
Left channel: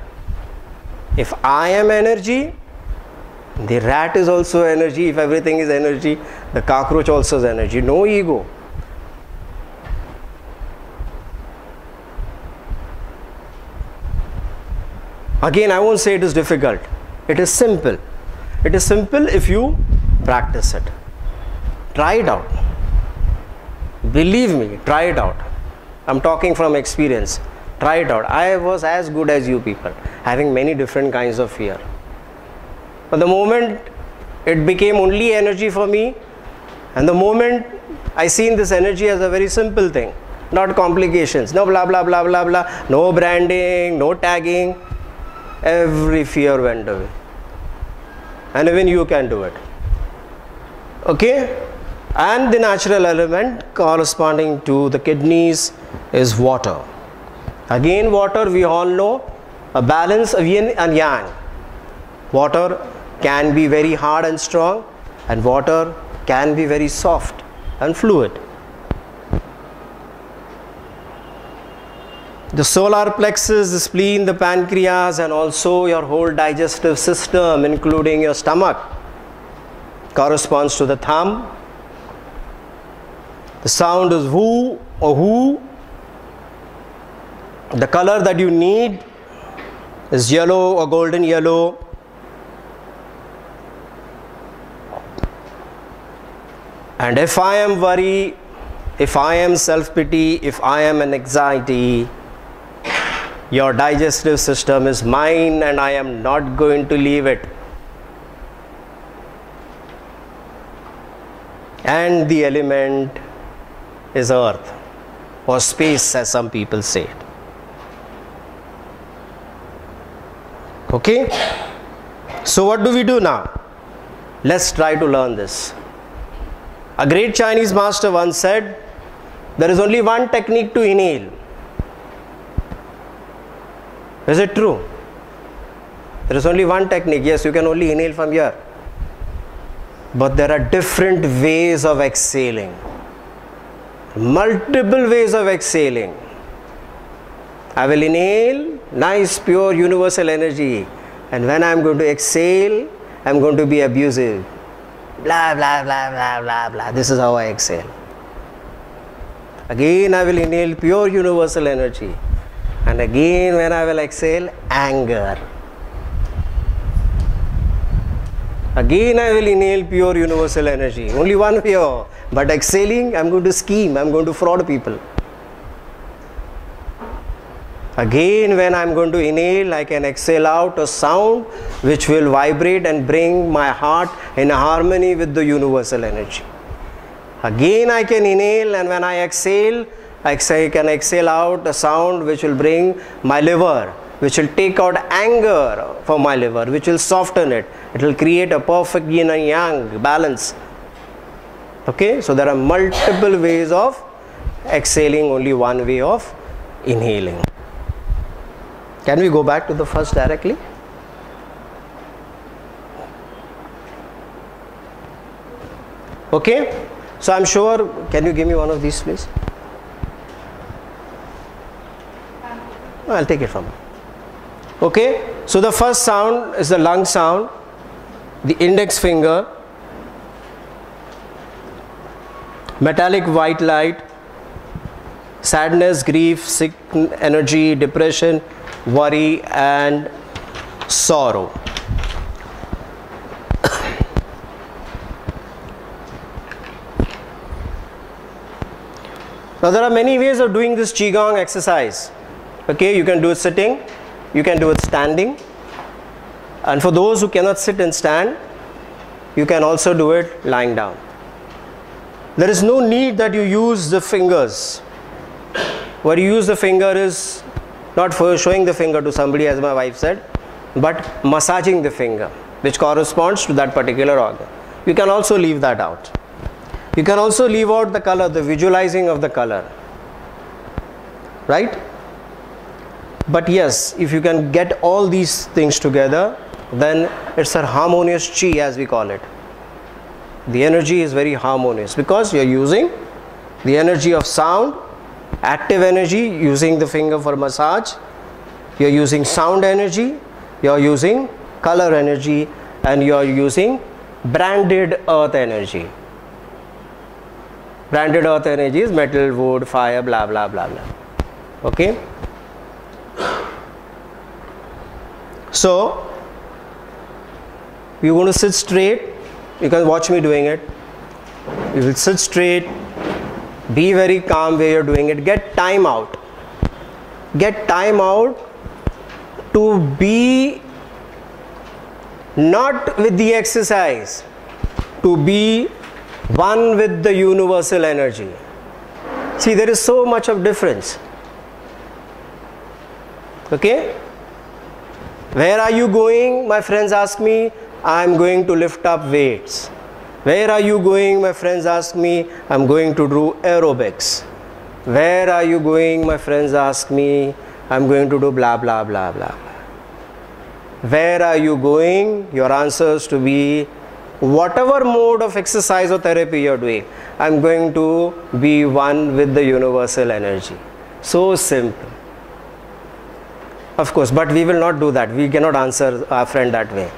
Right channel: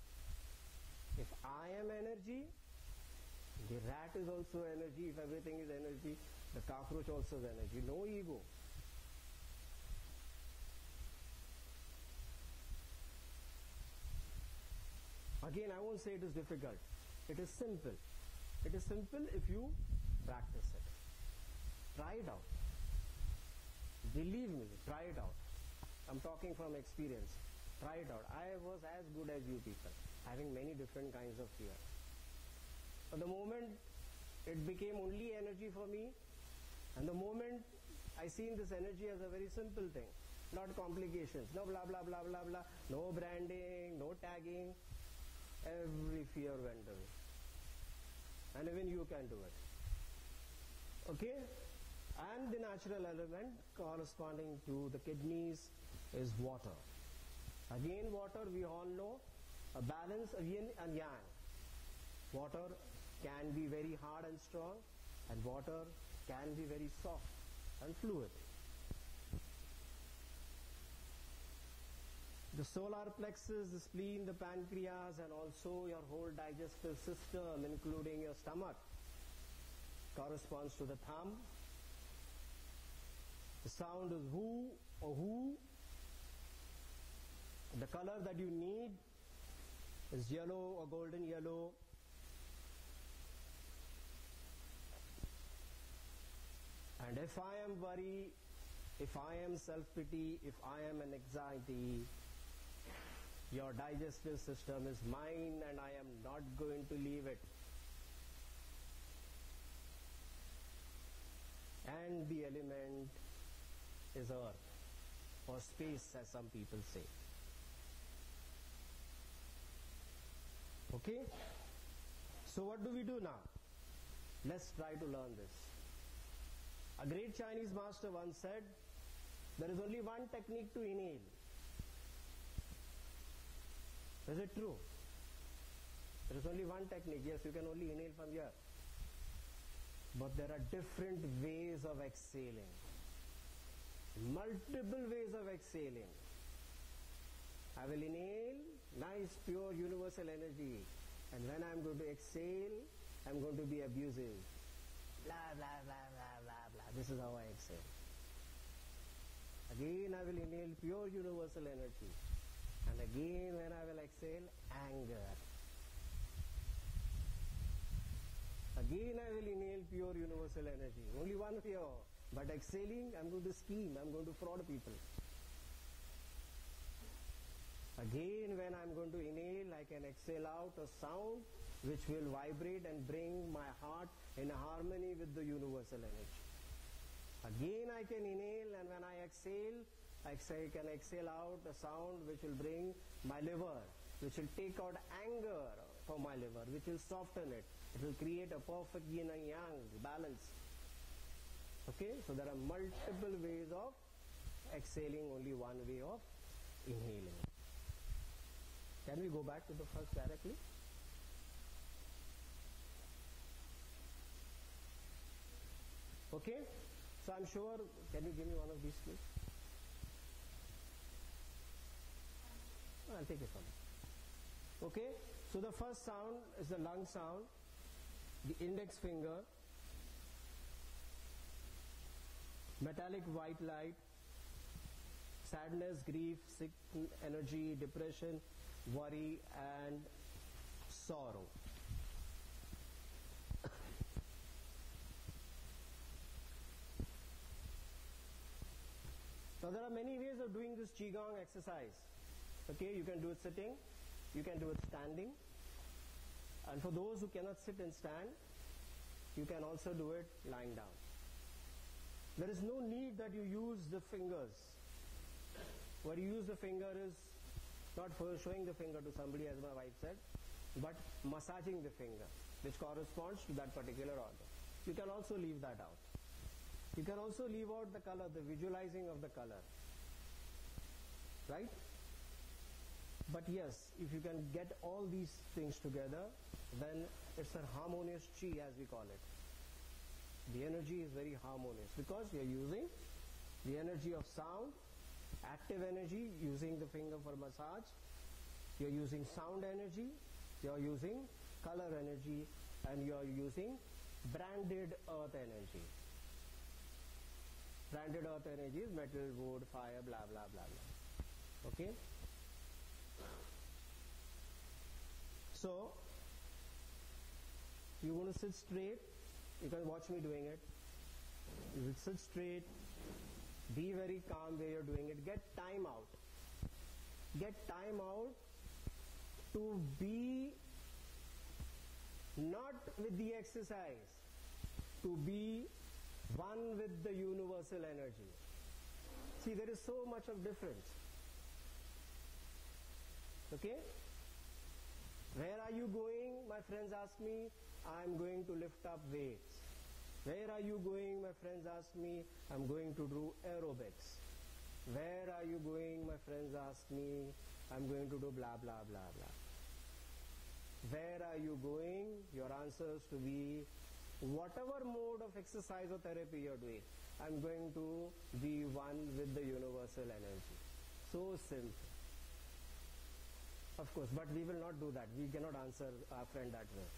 If I am energy, the rat is also energy. If everything is energy, the cockroach also is energy. No ego. Again, I won't say it is difficult. It is simple. It is simple if you practice it. Try it out. Believe me, try it out. I'm talking from experience. Try it out. I was as good as you people, having many different kinds of fear. But the moment it became only energy for me, and the moment I seen this energy as a very simple thing, not complications, no blah blah blah blah blah, no branding, no tagging, every fear went away. And even you can do it. Okay? And the natural element corresponding to the kidneys is water. Again, water, we all know, a balance of yin and yang. Water can be very hard and strong, and water can be very soft and fluid. The solar plexus, the spleen, the pancreas, and also your whole digestive system, including your stomach, corresponds to the thumb. The sound is woo or who. The color that you need is yellow or golden yellow. And if I am worry, if I am self-pity, if I am an anxiety, your digestive system is mine and I am not going to leave it. And the element is earth or space, as some people say it. Okay? So what do we do now? Let's try to learn this. A great Chinese master once said, there is only one technique to inhale. Is it true? There is only one technique. Yes, you can only inhale from here. But there are different ways of exhaling. Multiple ways of exhaling. I will inhale nice, pure, universal energy. And when I am going to exhale, I am going to be abusive. Blah, blah, blah, blah, blah, blah. This is how I exhale. Again, I will inhale pure, universal energy. And again, when I will exhale, anger. Again, I will inhale pure, universal energy. Only one way. But exhaling, I am going to scheme. I am going to fraud people. Again, when I am going to inhale, I can exhale out a sound which will vibrate and bring my heart in harmony with the universal energy. Again, I can inhale, and when I exhale, I can exhale out a sound which will bring my liver, which will take out anger from my liver, which will soften it. It will create a perfect yin and yang balance. Okay, so there are multiple ways of exhaling, only one way of inhaling. Can we go back to the first directly? Okay, so I'm sure, can you give me one of these please? I'll take it from you. Okay, so the first sound is the lung sound, the index finger, metallic white light, sadness, grief, sick energy, depression, worry and sorrow. Now there are many ways of doing this Qigong exercise. Okay, you can do it sitting, you can do it standing, and for those who cannot sit and stand, you can also do it lying down. There is no need that you use the fingers. Where you use the finger is not for showing the finger to somebody, as my wife said, but massaging the finger, which corresponds to that particular organ. You can also leave that out. You can also leave out the color, the visualizing of the color, right? But yes, if you can get all these things together, then it's a harmonious chi, as we call it. The energy is very harmonious because you're using the energy of sound, active energy, using the finger for massage, you're using sound energy, you're using color energy, and you're using branded earth energy. Branded earth energy is metal, wood, fire, blah blah blah blah. Okay? So you're going to sit straight. You can watch me doing it. You will sit straight, be very calm where you're doing it. Get time out. Get time out to be not with the exercise, to be one with the universal energy. See, there is so much of difference. Okay? Where are you going? My friends ask me, I am going to lift up weights. Where are you going? My friends ask me, I am going to do aerobics. Where are you going? My friends ask me, I am going to do blah blah blah blah. Where are you going? Your answers to be whatever mode of exercise or therapy you are doing. I am going to be one with the universal energy. So simple. Of course, but we will not do that. We cannot answer our friend that way.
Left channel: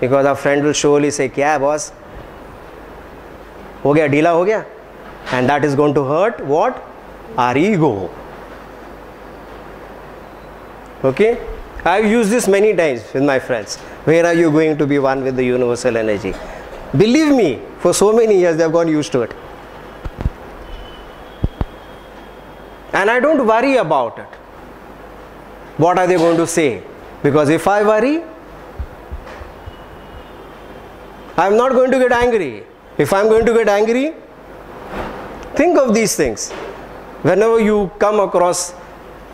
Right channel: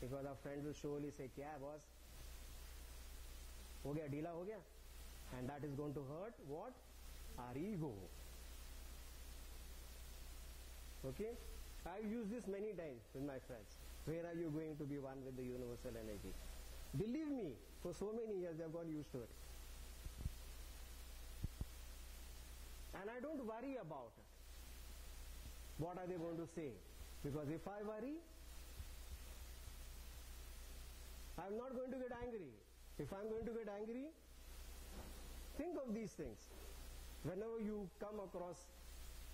Because our friend will surely say, "Kya hai, boss? Ho gaya, deela ho gaya?" And that is going to hurt what? Our ego. Okay? I have used this many times with my friends. Where are you going to be one with the universal energy? Believe me, for so many years they have gone used to it. And I don't worry about it. What are they going to say? Because if I worry, I am not going to get angry. If I am going to get angry, think of these things. Whenever you come across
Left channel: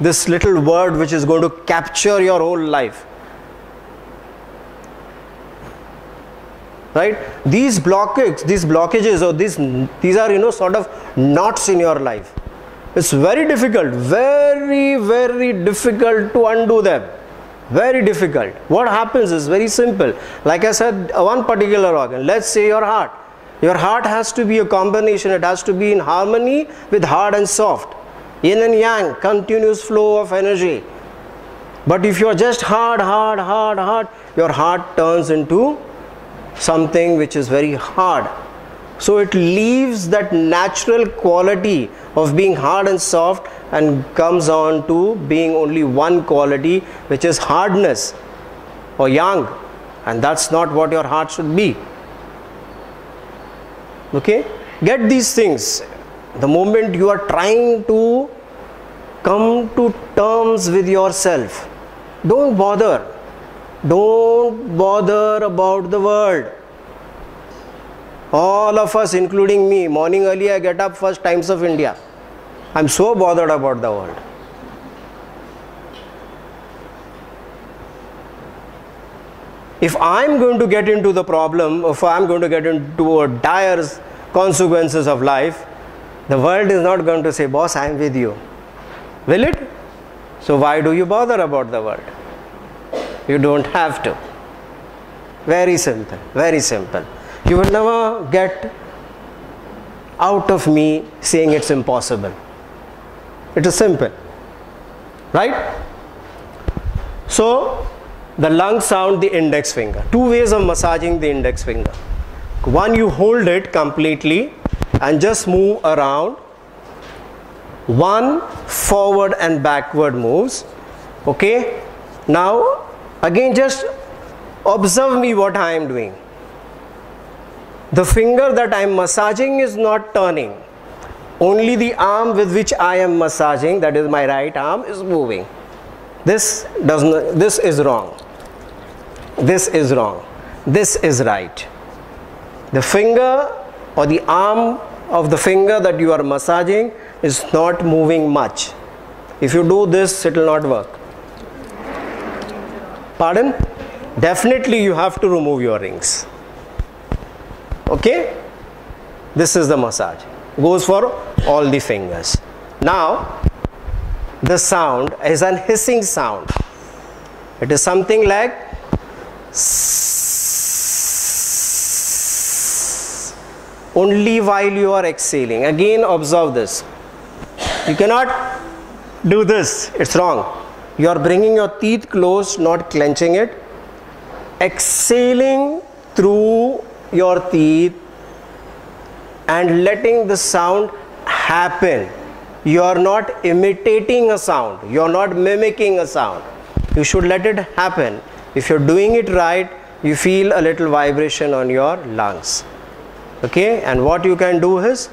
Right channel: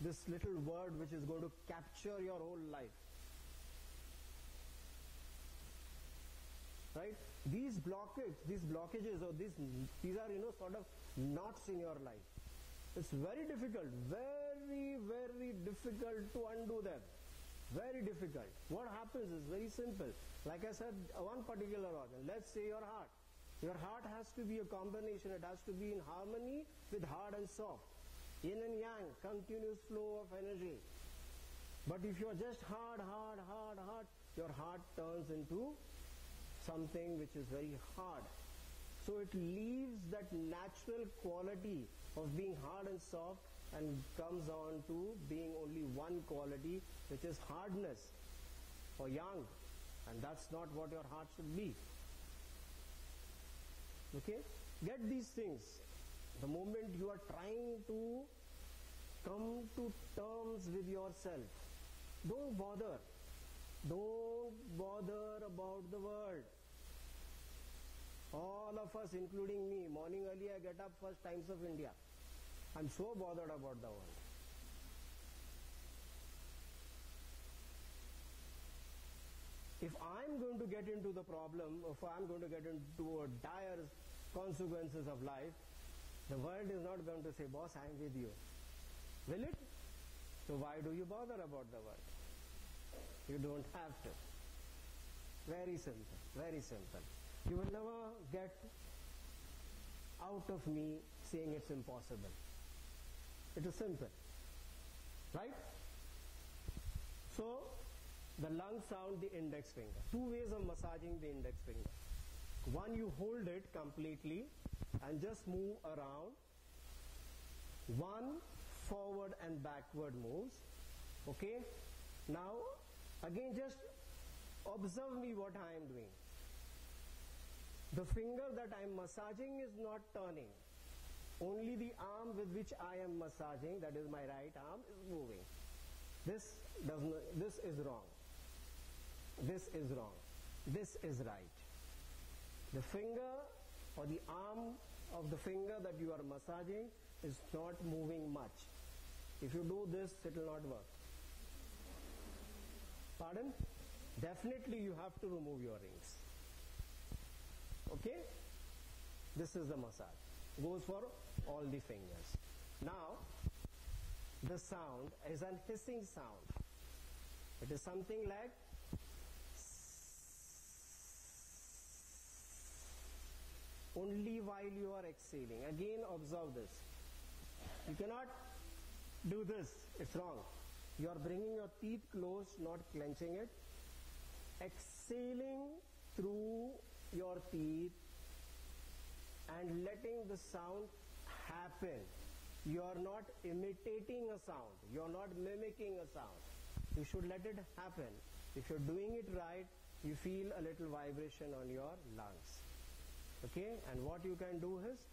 this little word which is going to capture your whole life, right? These blockages, or these are sort of knots in your life. It's very difficult, very difficult to undo them. Very difficult. What happens is very simple. Like I said, one particular organ, let's say your heart. Your heart has to be a combination. It has to be in harmony with hard and soft. Yin and yang, continuous flow of energy. But if you are just hard, your heart turns into something which is very hard. So it leaves that natural quality of being hard and soft and comes on to being only one quality, which is hardness or yang. And that's not what your heart should be. Okay? Get these things. The moment you are trying to come to terms with yourself, don't bother. Don't bother about the world. All of us, including me, morning early I get up, first Times of India. I'm so bothered about the world. If I'm going to get into the problem, if I'm going to get into dire consequences of life, the world is not going to say, "Boss, I'm with you." Will it? So why do you bother about the world? You don't have to. Very simple, very simple. You will never get out of me saying it's impossible. It is simple, right? So the lung sound, the index finger. Two ways of massaging the index finger. One, you hold it completely and just move around. One, forward and backward moves. Okay? Now again, just observe me what I am doing. The finger that I am massaging is not turning. only the arm with which I am massaging, that is my right arm, is moving. This is wrong. This is wrong. This is right. The finger or the arm of the finger that you are massaging is not moving much. If you do this, it will not work. Pardon? Definitely you have to remove your rings. Okay? This is the massage. Goes for all the fingers. Now, the sound is an hissing sound. It is something like only while you are exhaling. Again, observe this. You cannot do this. It's wrong. You are bringing your teeth close, not clenching it. Exhaling through your teeth and letting the sound happen. You are not imitating a sound. You are not mimicking a sound. You should let it happen. If you're doing it right, you feel a little vibration on your lungs. Okay? And what you can do is,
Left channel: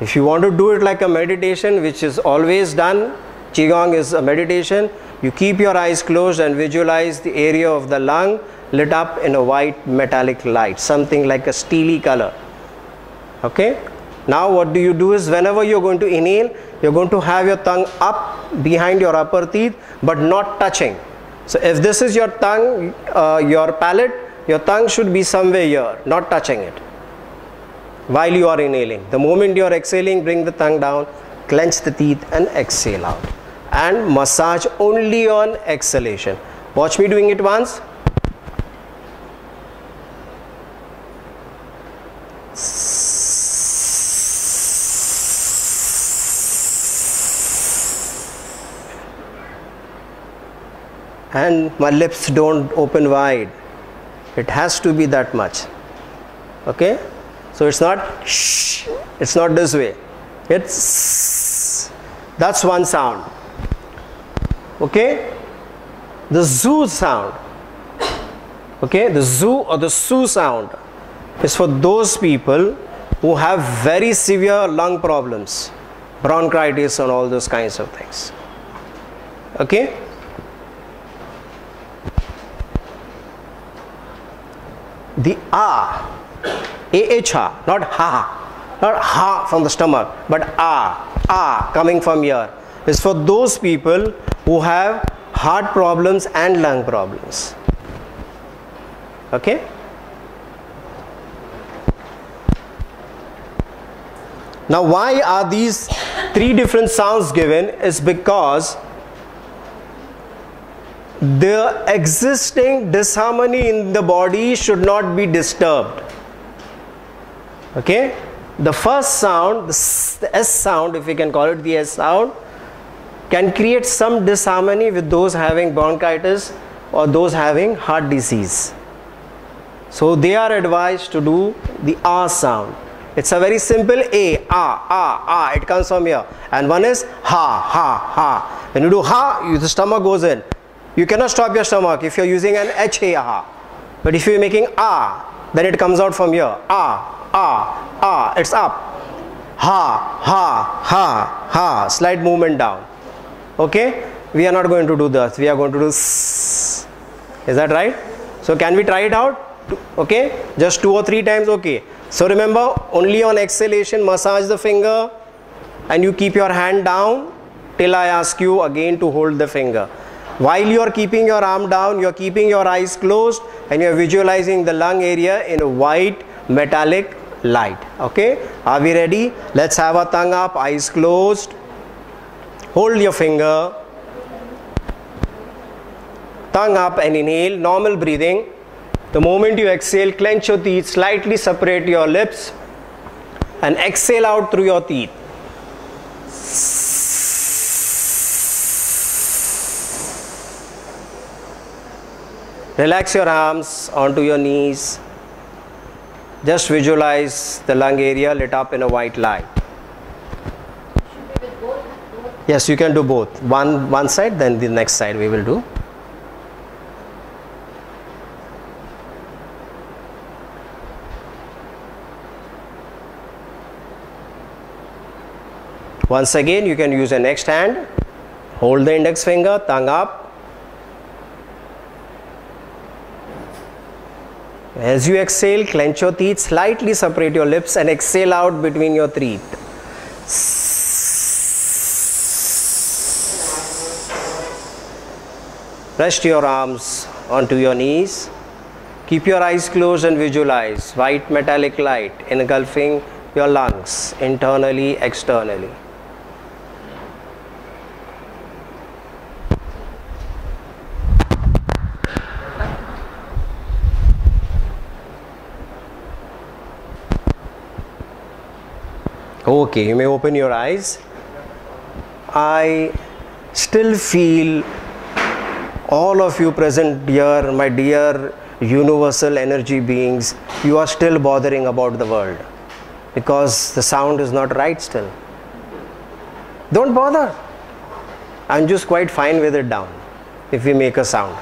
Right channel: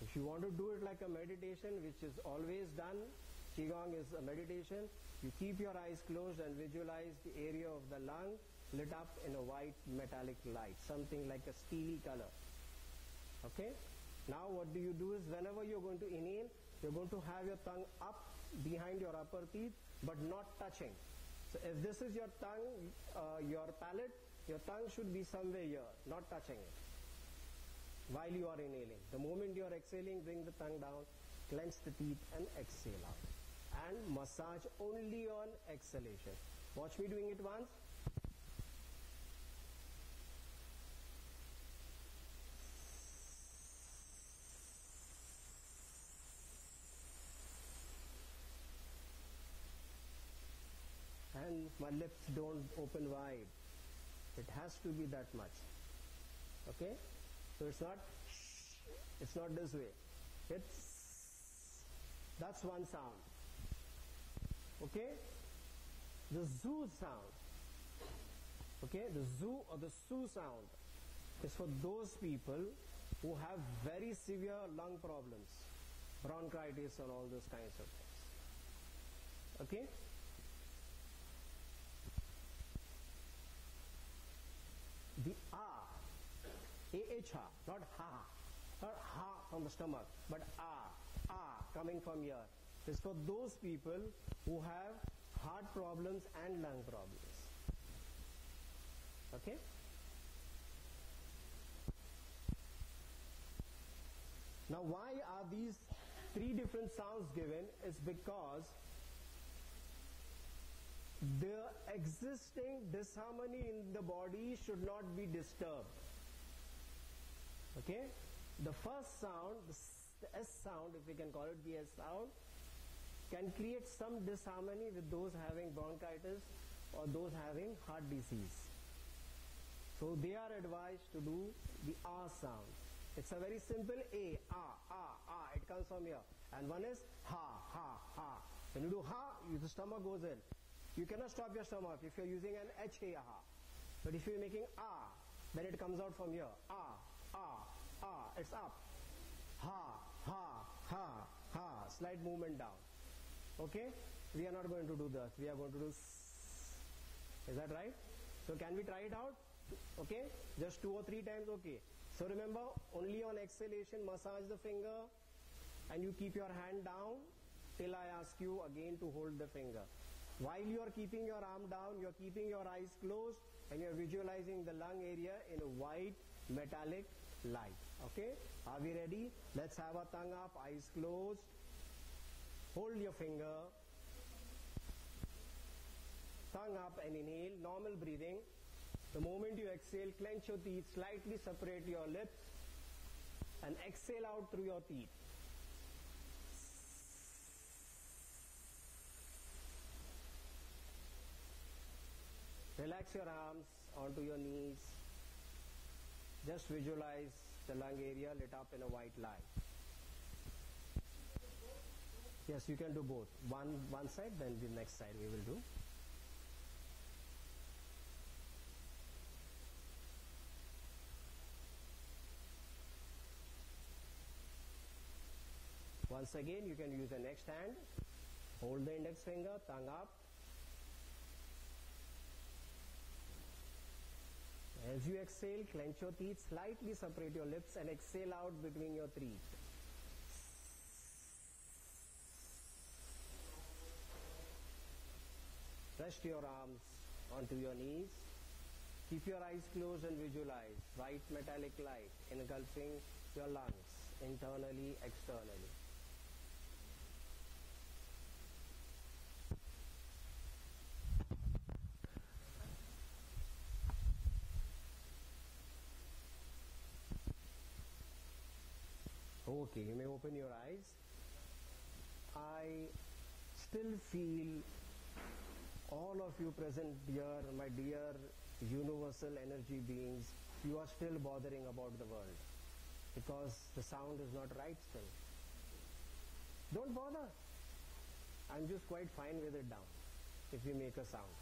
if you want to do it like a meditation, which is always done, Qigong is a meditation, you keep your eyes closed and visualize the area of the lung lit up in a white metallic light, something like a steely color. Okay? Now what do you do is, whenever you're going to inhale, you're going to have your tongue up behind your upper teeth, but not touching. So if this is your tongue, your palate, your tongue should be somewhere here, not touching it while you are inhaling. The moment you are exhaling, bring the tongue down, clench the teeth and exhale out. And massage only on exhalation. Watch me doing it once. And my lips don't open wide. It has to be that much. Okay? So it's not shh, it's not this way. It's, that's one sound. Okay? The zoo sound. Okay? The zoo or the su sound is for those people who have very severe lung problems, bronchitis and all those kinds of things. Okay? The ah, A-H-A, not ha, not ha from the stomach, but ah coming from here, is for those people who have heart problems and lung problems. Okay? Now why are these three different sounds given is because the existing disharmony in the body should not be disturbed. Okay? The first sound, the S sound, if we can call it the S sound, can create some disharmony with those having bronchitis or those having heart disease. So they are advised to do the R sound. It's a very simple A, ah, it comes from here. And one is ha. When you do ha, the stomach goes in. You cannot stop your stomach if you're using an H-A-ha. But if you're making ah, then it comes out from here. Ah, it's up. Ha. Slight movement down. Okay? We are not going to do that. We are going to do s. Is that right? So can we try it out? Okay? Just 2 or 3 times, okay. So remember, only on exhalation, massage the finger and you keep your hand down till I ask you again to hold the finger. While you are keeping your arm down, you are keeping your eyes closed and you are visualizing the lung area in a white metallic light. Okay? Are we ready? Let's have our tongue up, eyes closed. Hold your finger. Tongue up and inhale, normal breathing. The moment you exhale, clench your teeth, slightly separate your lips and exhale out through your teeth. Relax your arms onto your knees. Just visualize the lung area lit up in a white light. Yes, you can do both. One side, then the next side we will do. Once again, you can use your next hand. Hold the index finger, tongue up. As you exhale, clench your teeth, slightly separate your lips and exhale out between your teeth. Rest your arms onto your knees. Keep your eyes closed and visualize white metallic light engulfing your lungs, internally, externally. Okay, you may open your eyes. I still feel all of you present here, my dear universal energy beings, you are still bothering about the world because the sound is not right still. Don't bother. I'm just quite fine with it down if we make a sound.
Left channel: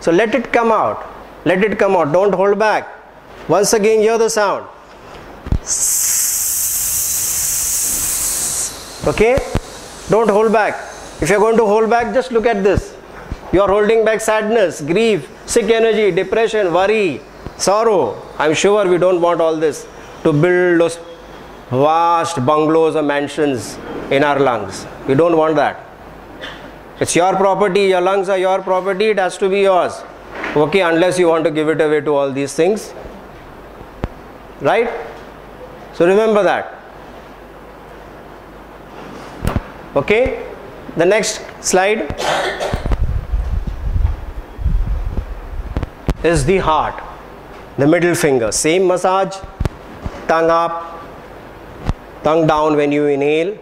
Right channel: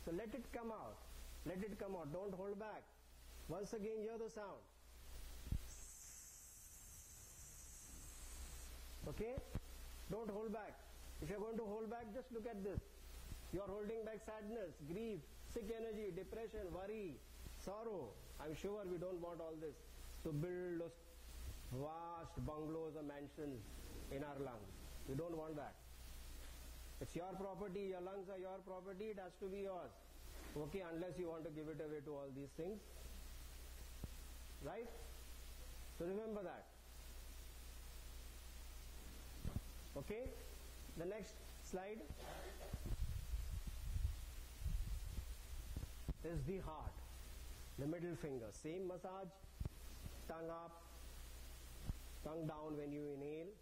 So let it come out. Let it come out. Don't hold back. Once again, hear the sound. Okay? Don't hold back. If you're going to hold back, just look at this. You are holding back sadness, grief, sick energy, depression, worry, sorrow. I'm sure we don't want all this to build those vast bungalows or mansions in our lungs. We don't want that. It's your property, your lungs are your property, it has to be yours. Okay, unless you want to give it away to all these things. Right? So remember that. Okay? The next slide is the heart, the middle finger. Same massage, tongue up, tongue down when you inhale.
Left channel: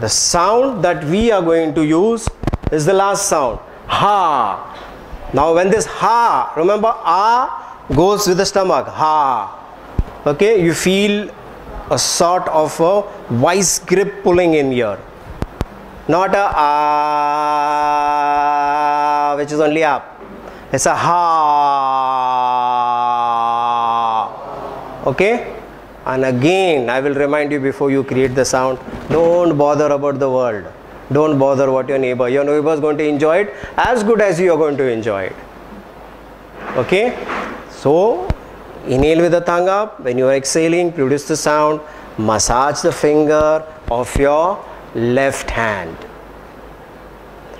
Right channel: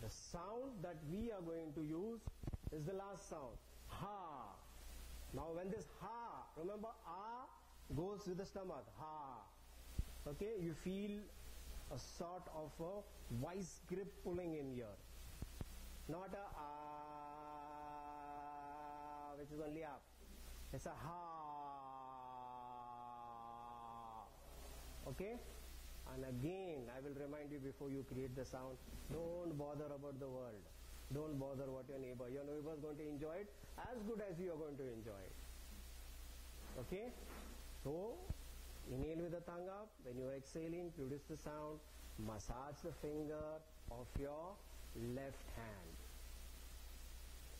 The sound that we are going to use is the last sound, ha. Now when this ha, remember ah goes with the stomach, ha. Okay, you feel a sort of a vice grip pulling in here. Not a ah, which is only up. It's a ha. Okay? And again, I will remind you before you create the sound, don't bother about the world. Don't bother what your neighbor is going to enjoy it as good as you are going to enjoy it. Okay? So, inhale with the tongue up. When you are exhaling, produce the sound. Massage the finger of your left hand.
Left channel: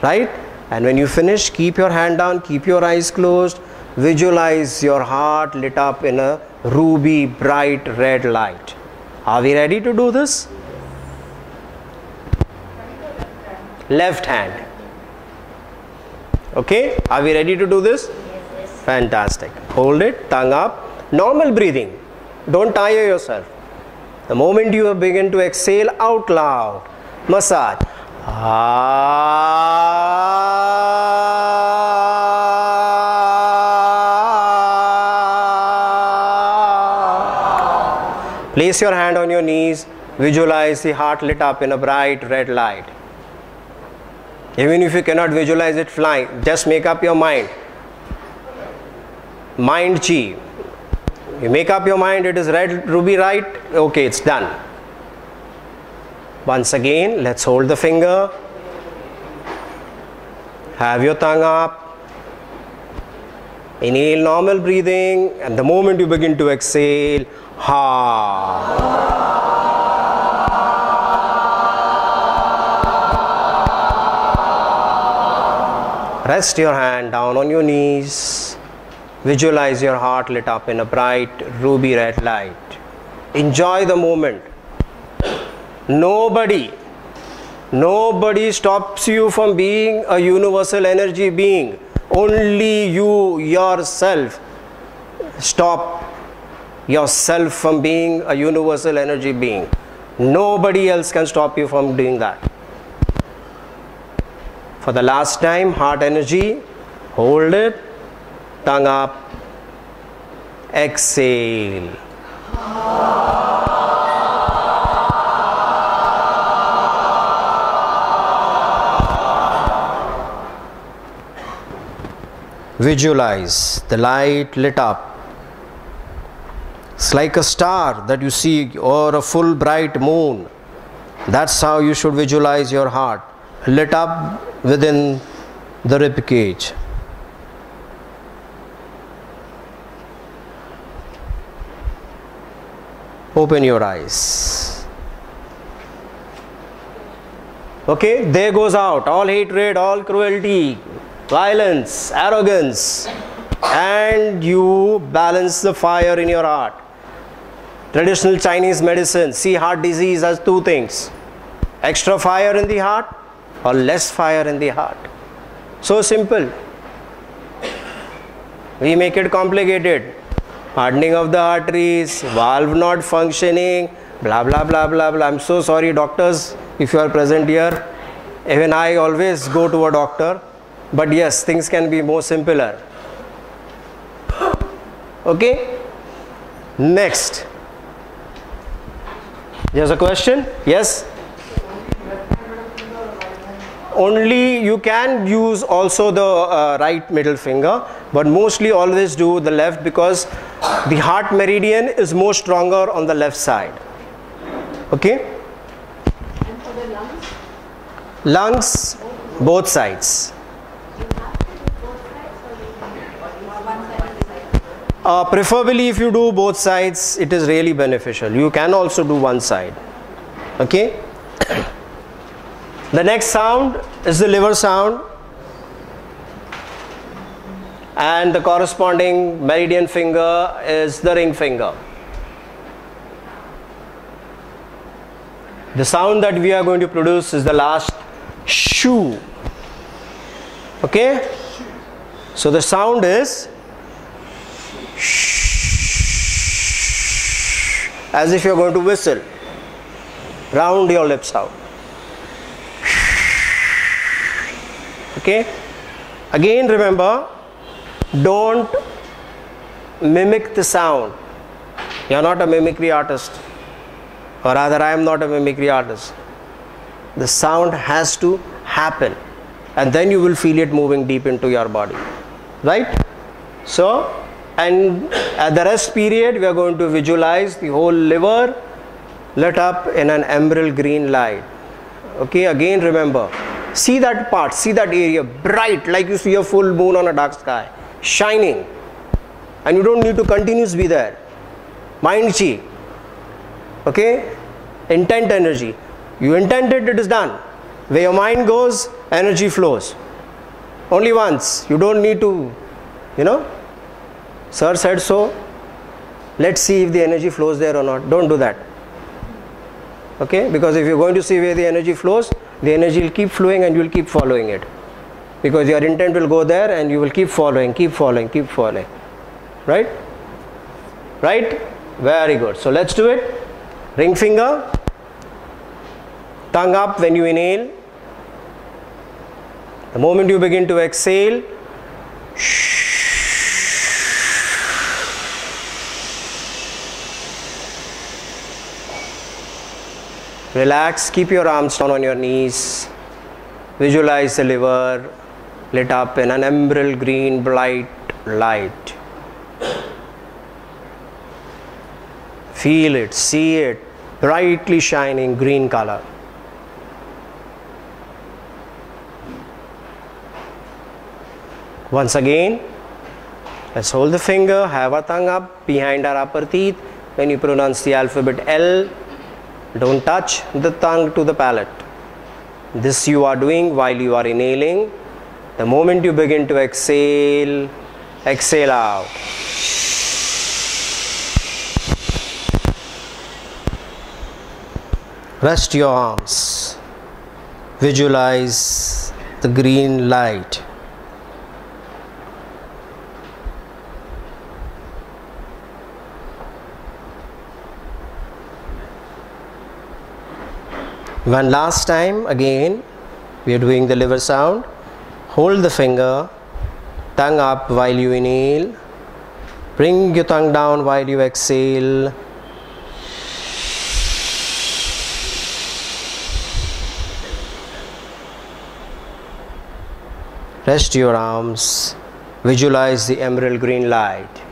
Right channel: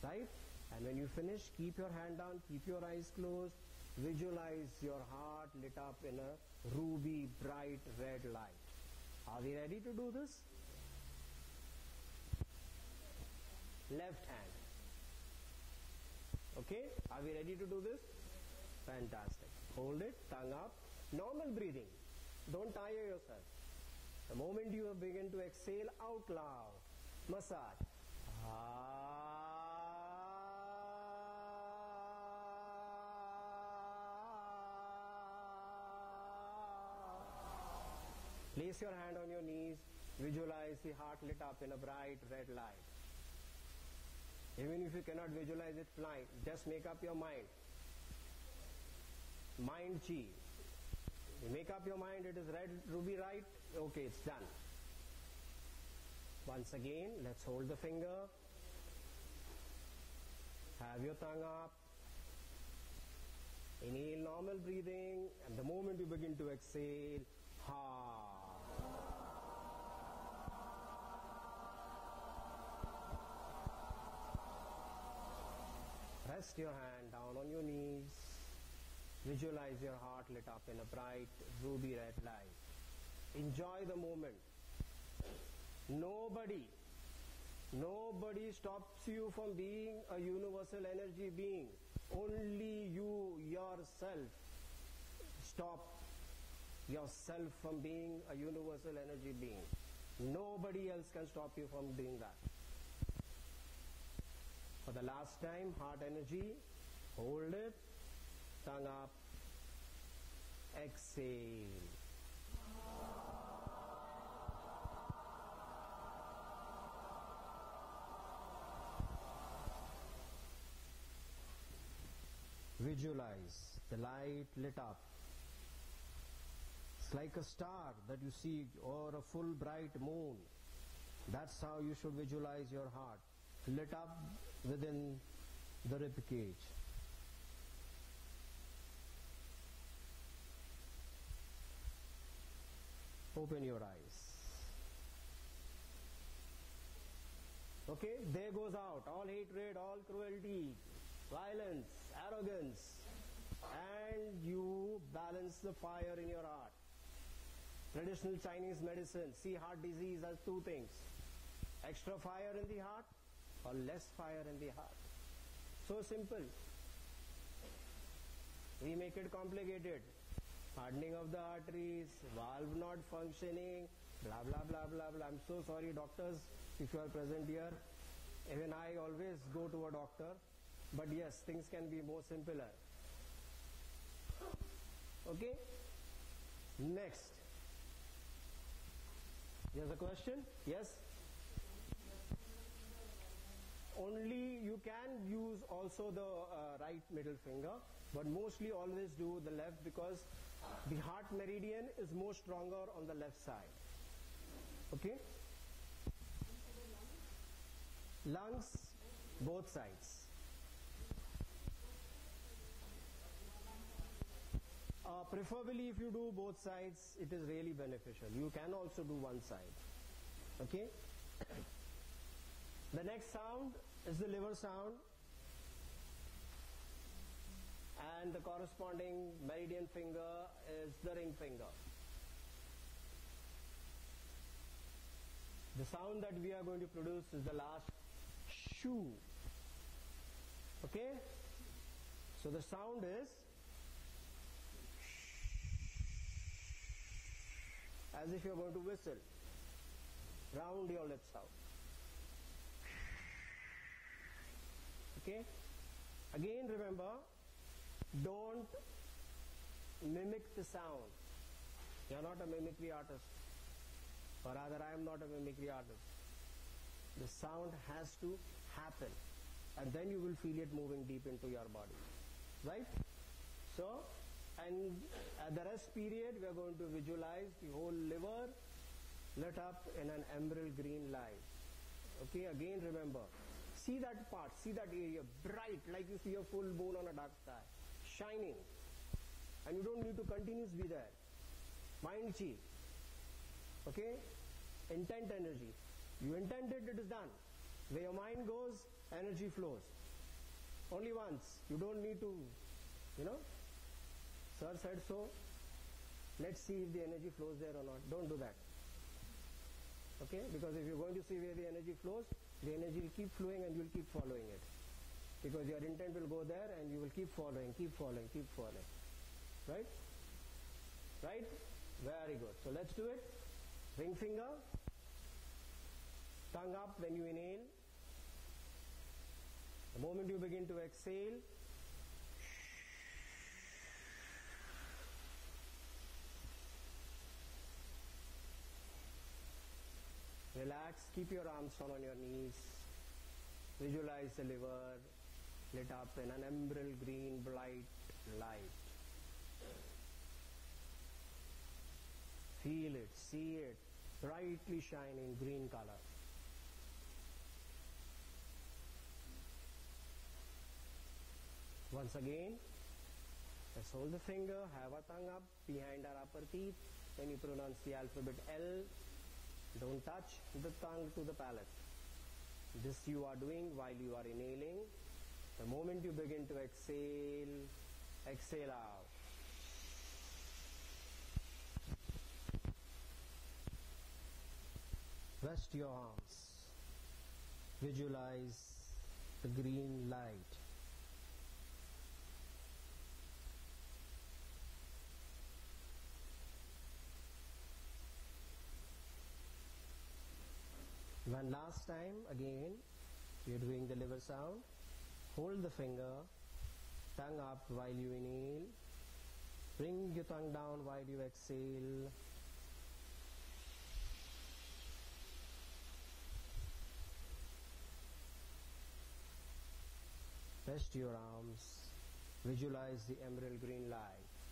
Right? And when you finish, keep your hand down, keep your eyes closed. Visualize your heart lit up in a ruby bright red light. Are we ready to do this? Left hand. Okay? Are we ready to do this? Yes. Fantastic. Hold it, tongue up. Normal breathing. Don't tire yourself. The moment you begin to exhale out loud, massage. Place your hand on your knees. Visualize the heart lit up in a bright red light. Even if you cannot visualize it flying, just make up your mind. Mind chi. You make up your mind, it is red, ruby, right? Okay, it's done. Once again, let's hold the finger. Have your tongue up. Inhale normal breathing, and the moment you begin to exhale, ha. Rest your hand down on your knees. Visualize your heart lit up in a bright ruby red light. Enjoy the moment. Nobody stops you from being a universal energy being. Only you yourself stop yourself from being a universal energy being. Nobody else can stop you from doing that. For the last time, heart energy, hold it, tongue up, exhale. Visualize the light lit up. It's like a star that you see or a full bright moon. That's how you should visualize your heart, lit up within the rib cage. Open your eyes. Okay, there goes out all hatred, all cruelty, violence, arrogance, and you balance the fire in your heart. Traditional Chinese medicine see heart disease as two things: extra fire in the heart or less fire in the heart. So simple. We make it complicated. Hardening of the arteries, valve not functioning, blah blah blah blah blah. I'm so sorry, doctors, if you are present here. Even I always go to a doctor, but yes, things can be more simpler. Okay? Next. There's a question? Yes? Only you can use also the right middle finger, but mostly always do the left, because the heart meridian is more stronger on the left side. Okay? And for the lungs? Lungs, both sides. You have to do both sides, or one side? Preferably if you do both sides, it is really beneficial. You can also do one side. Okay? The next sound is the liver sound, and the corresponding meridian finger is the ring finger. The sound that we are going to produce is the last shoo. Okay? So the sound is as if you are going to whistle. Round your lips out. Okay? Again, remember, don't mimic the sound. You are not a mimicry artist, or rather I am not a mimicry artist. The sound has to happen, and then you will feel it moving deep into your body, right? So, and at the rest period we are going to visualize the whole liver lit up in an emerald green light. Okay, again remember, see that part, see that area bright, like you see a full moon on a dark sky, shining, and you don't need to continuously be there. Mind chi. Okay? Intent energy. You intended, it is done. Where your mind goes, energy flows. Only once. You don't need to, sir said so, let's see if the energy flows there or not. Don't do that. Okay? Because if you're going to see where the energy flows, the energy will keep flowing and you will keep following it. Because your intent will go there and you will keep following, keep following, keep following. Right? Right? Very good. So let's do it. Ring finger. Tongue up when you inhale. The moment you begin to exhale, relax, keep your arms down on your knees. Visualize the liver lit up in an emerald green bright light. Feel it, see it, brightly shining green color. Once again, let's hold the finger, have our tongue up behind our upper teeth. When you pronounce the alphabet L, don't touch the tongue to the palate. This you are doing while you are inhaling. The moment you begin to exhale, exhale out. Rest your arms. Visualize the green light. One last time, again, we are doing the liver sound. Hold the finger, tongue up while you inhale. Bring your tongue down while you exhale. Rest your arms. Visualize the emerald green light.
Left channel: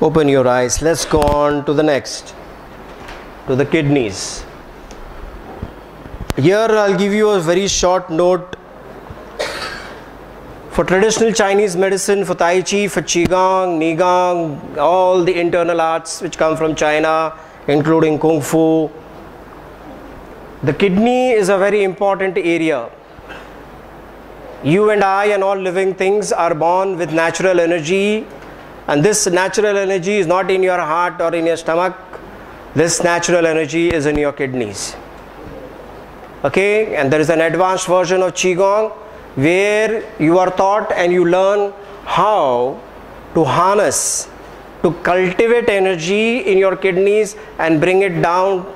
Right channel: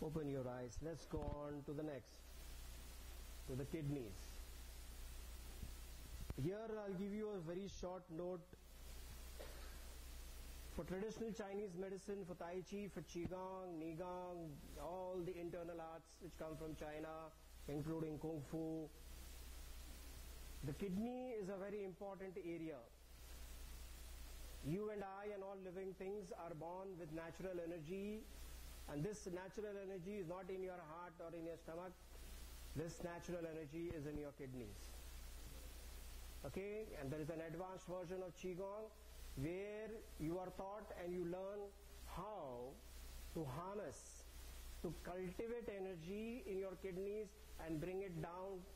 Open your eyes. Let's go on to the next, to the kidneys. Here I'll give you a very short note. For traditional Chinese medicine, for Tai Chi, for Qigong, Nigong, all the internal arts which come from China, including Kung Fu, the kidney is a very important area. You and I and all living things are born with natural energy, and this natural energy is not in your heart or in your stomach. This natural energy is in your kidneys. Okay, and there is an advanced version of Qigong where you are taught and you learn how to harness, to cultivate energy in your kidneys and bring it down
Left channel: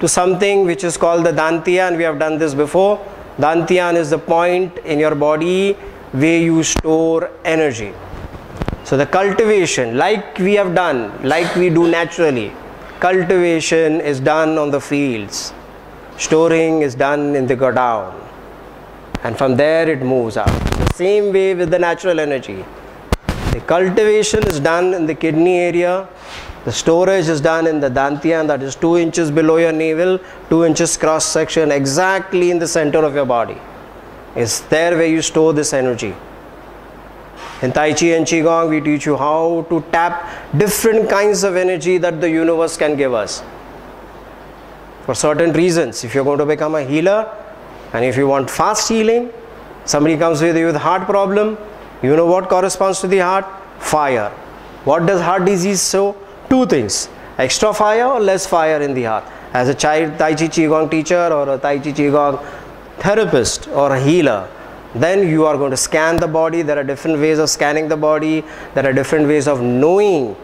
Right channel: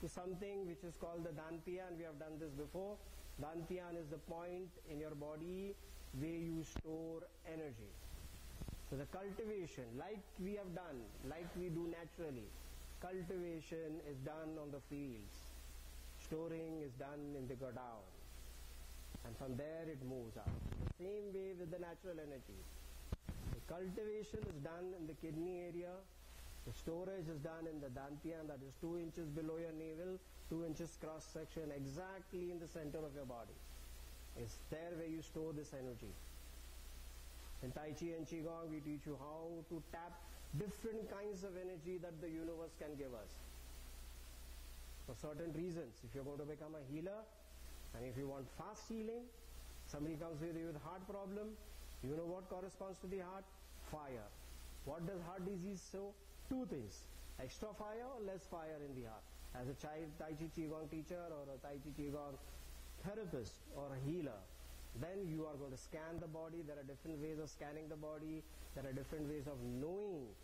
to something which is called the Dantian. We have done this before. Dantian is the point in your body where you store energy. So the cultivation, like we have done, like we do naturally, cultivation is done on the fields. Storing is done in the godown. And from there it moves out. The same way with the natural energy. The cultivation is done in the kidney area. The storage is done in the dantian, that is 2 inches below your navel, 2 inches cross section, exactly in the center of your body. It's there where you store this energy. In Tai Chi and Qigong, we teach you how to tap different kinds of energy that the universe can give us. For certain reasons, if you're going to become a healer, and if you want fast healing, somebody comes with you with heart problem, you know what corresponds to the heart? Fire. What does heart disease show? 2 things, extra fire or less fire in the heart. As a Tai Chi Qigong teacher or a Tai Chi Qigong therapist or a healer, then you are going to scan the body. There are different ways of scanning the body. There are different ways of knowing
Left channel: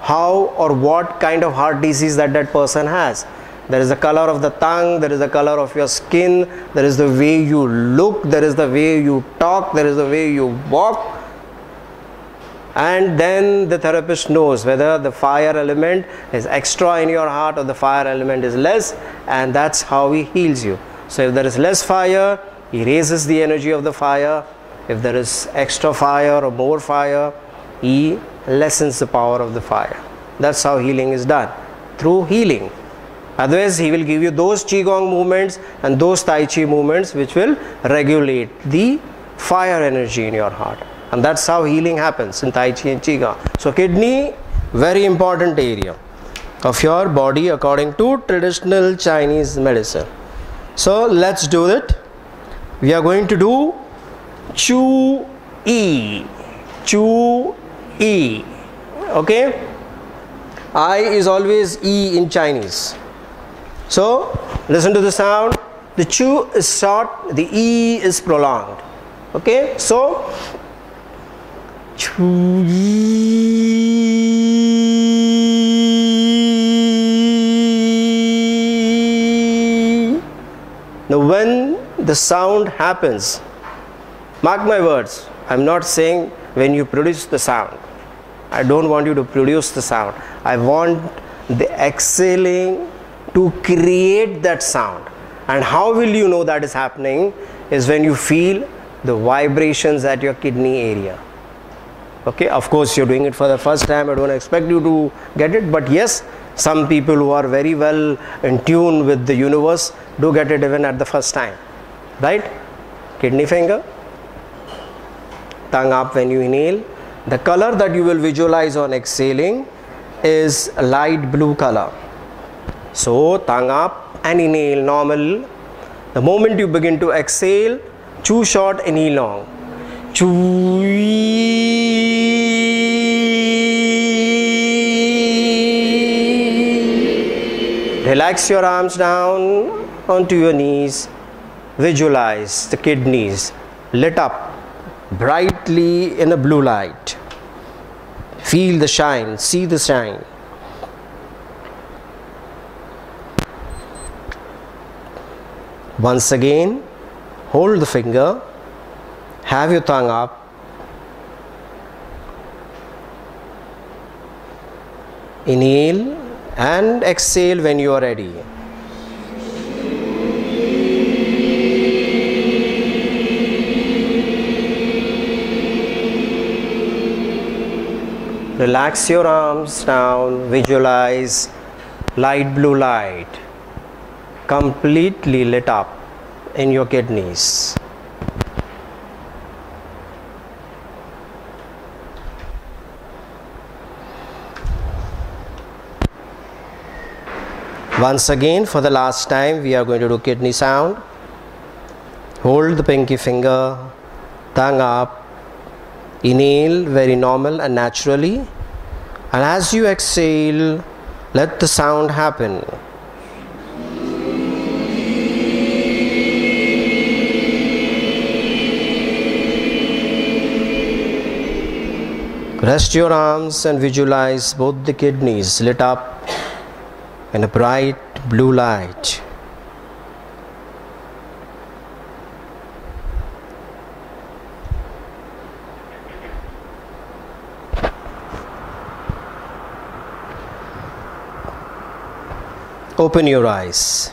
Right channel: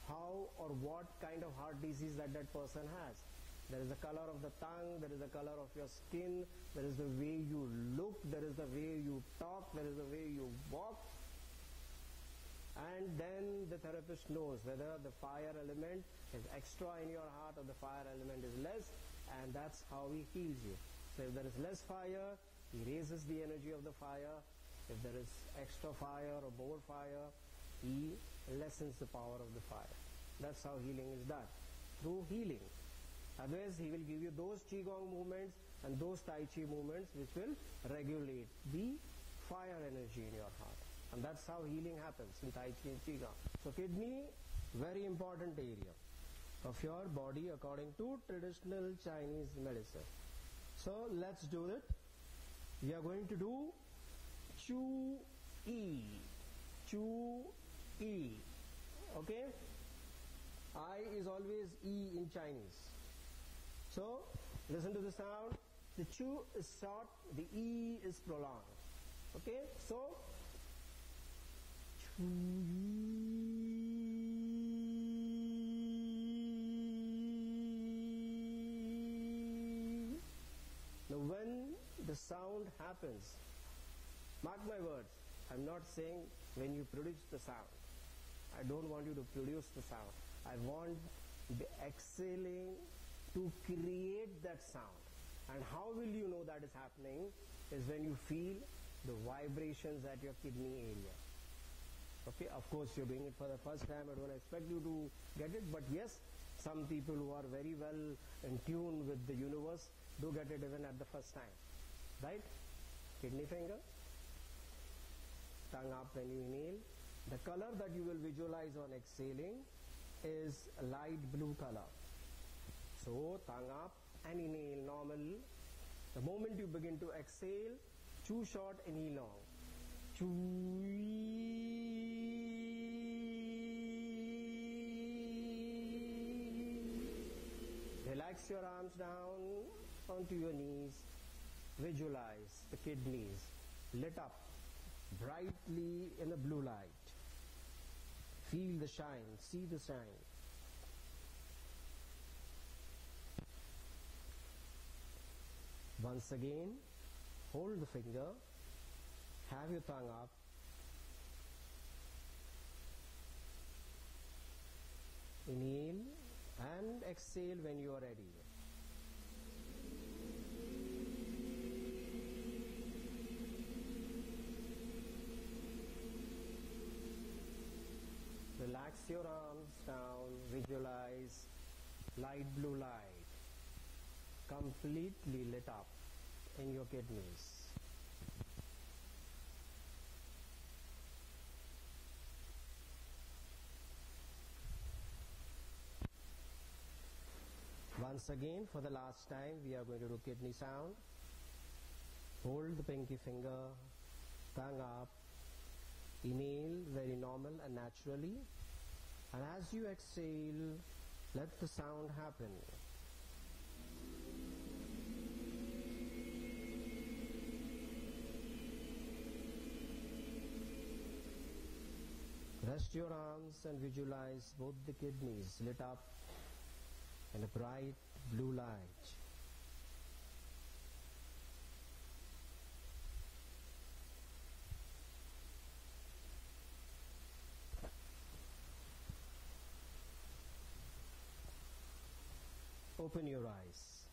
how or what kind of heart disease that person has. There is the color of the tongue, there is the color of your skin, there is the way you look, there is the way you talk, there is the way you walk. And then the therapist knows whether the fire element is extra in your heart or the fire element is less, and that's how he heals you. So if there is less fire, he raises the energy of the fire. If there is extra fire or more fire, he lessens the power of the fire. That's how healing is done, through healing. Otherwise, he will give you those Qigong movements and those Tai Chi movements which will regulate the fire energy in your heart. And that's how healing happens in Tai Chi and Qigong. So kidney, very important area of your body according to traditional Chinese medicine. So let's do it. We are going to do Chu E. Chu E. Okay? I is always E in Chinese. So listen to the sound. The Chu is short, the E is prolonged. Okay? So Chu E. Now when the sound happens, mark my words, I'm not saying when you produce the sound. I don't want you to produce the sound. I want the exhaling to create that sound. And how will you know that is happening is when you feel the vibrations at your kidney area. Okay, of course you're doing it for the first time. I don't expect you to get it, but yes, some people who are very well in tune with the universe do get it even at the first time. Right? Kidney finger, tongue up when you inhale. The color that you will visualize on exhaling is a light blue color. So tongue up and inhale normal. The moment you begin to exhale, chew short, inhale long. Chew. Relax your arms down onto your knees. Visualize the kidneys lit up brightly in a blue light. Feel the shine, see the shine. Once again, hold the finger, have your tongue up, inhale and exhale when you are ready. Relax your arms down, visualize light blue light completely lit up in your kidneys. Once again, for the last time, we are going to do kidney sound. Hold the pinky finger, tongue up, inhale very normal and naturally, and as you exhale, let the sound happen. Rest your arms and visualize both the kidneys lit up in a bright blue light. Open your eyes.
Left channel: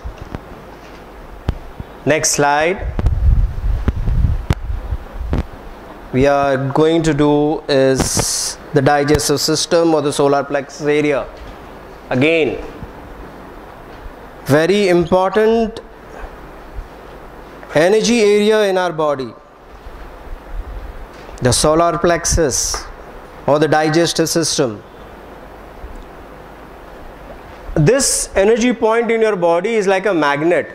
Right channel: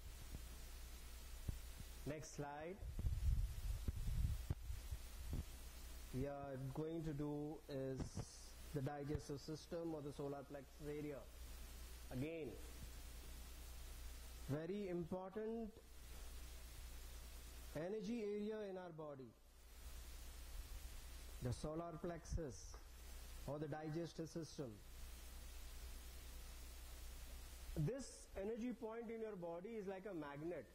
Next slide. We are going to do is the digestive system or the solar plexus area. Again, very important energy area in our body. The solar plexus or the digestive system. This energy point in your body is like a magnet.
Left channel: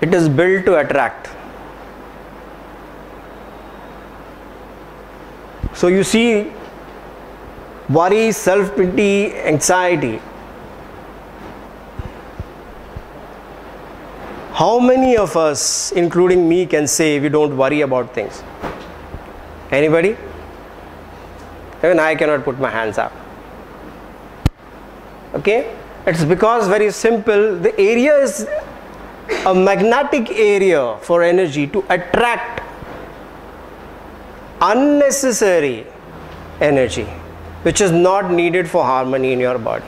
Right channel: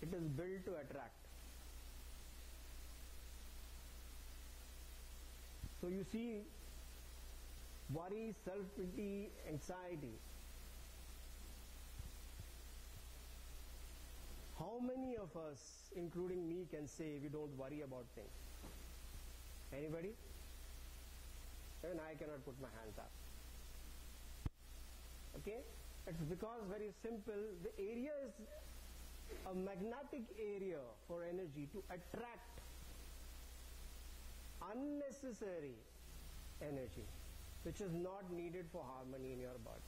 It is built to attract. So you see, worry, self-pity, anxiety. How many of us, including me, can say we don't worry about things? Anybody? Even I cannot put my hands up. Okay? It's because very simple, the area is a magnetic area for energy to attract unnecessary energy which is not needed for harmony in your body.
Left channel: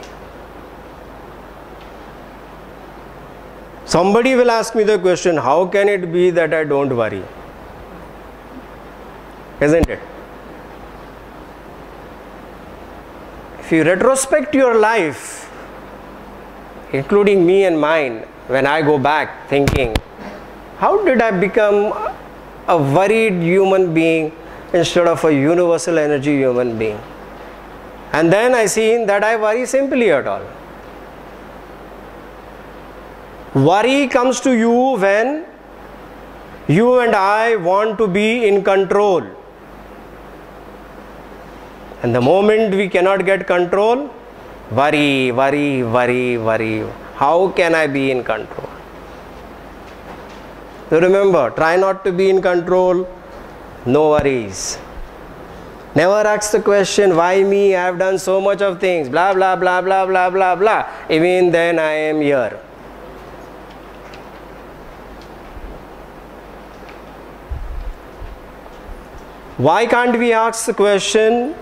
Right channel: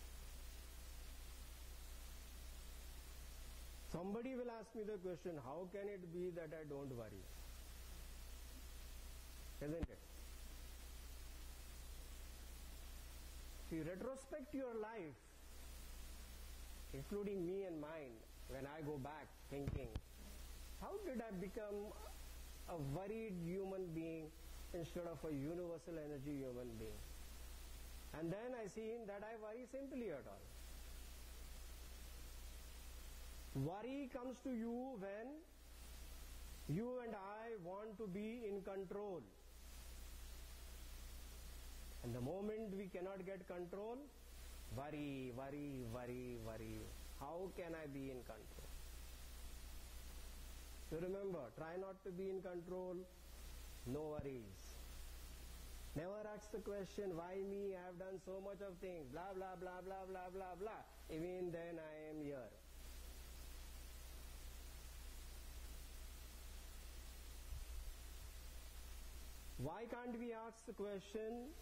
Somebody will ask me the question, how can it be that I don't worry? Isn't it? If you retrospect your life, including me and mine, when I go back thinking, how did I become a worried human being instead of a universal energy human being? And then I see that I worry simply at all. Worry comes to you when you and I want to be in control. And the moment we cannot get control, worry, worry, worry, worry. How can I be in control? So remember, try not to be in control, no worries. Never ask the question, why me? I have done so much of things, blah, blah, blah, blah, blah, blah, blah. Even then I am here. Why can't we ask the question,